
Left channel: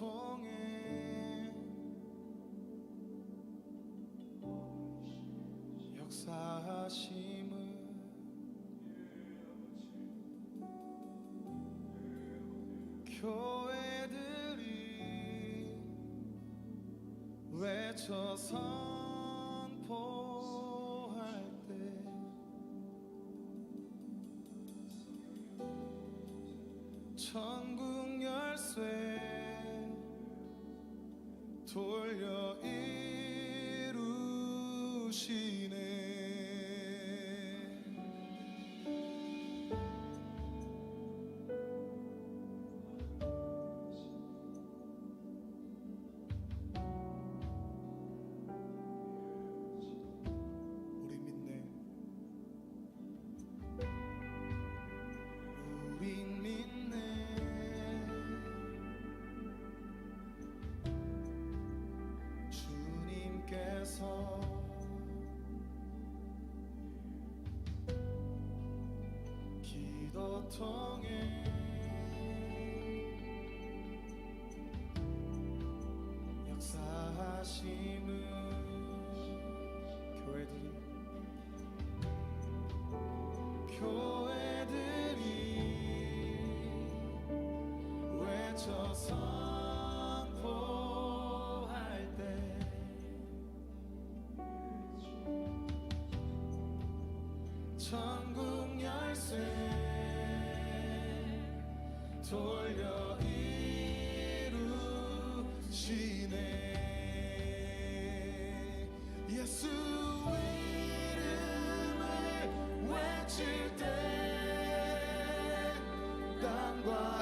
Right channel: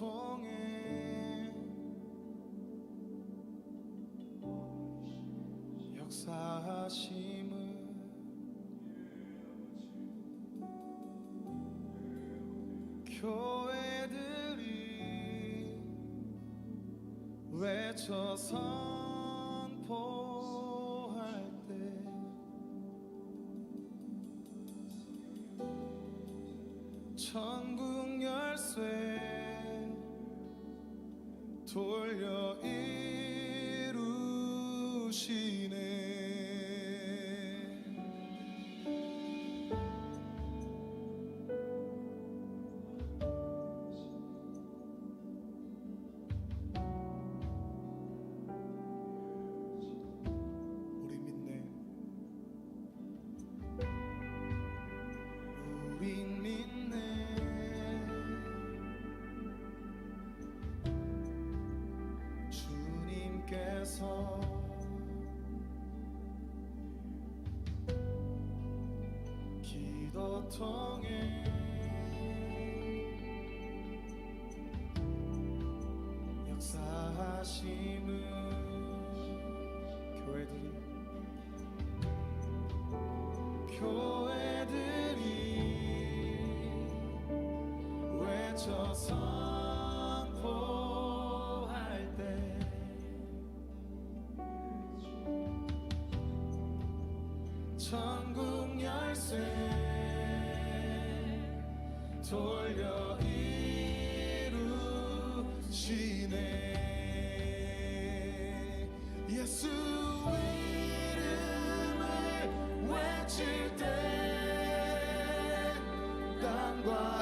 통해 역사하심을 교회들이 외쳐 선포할 때 천국 열쇠 돌려 이루시네. 우리 믿네. 우린 믿네. 주님께서 기도 통해 역사하심을 교회들이 외쳐 선포할 때 천국 열쇠 돌려 이루시네. 예수 이름을 외칠 때 땅과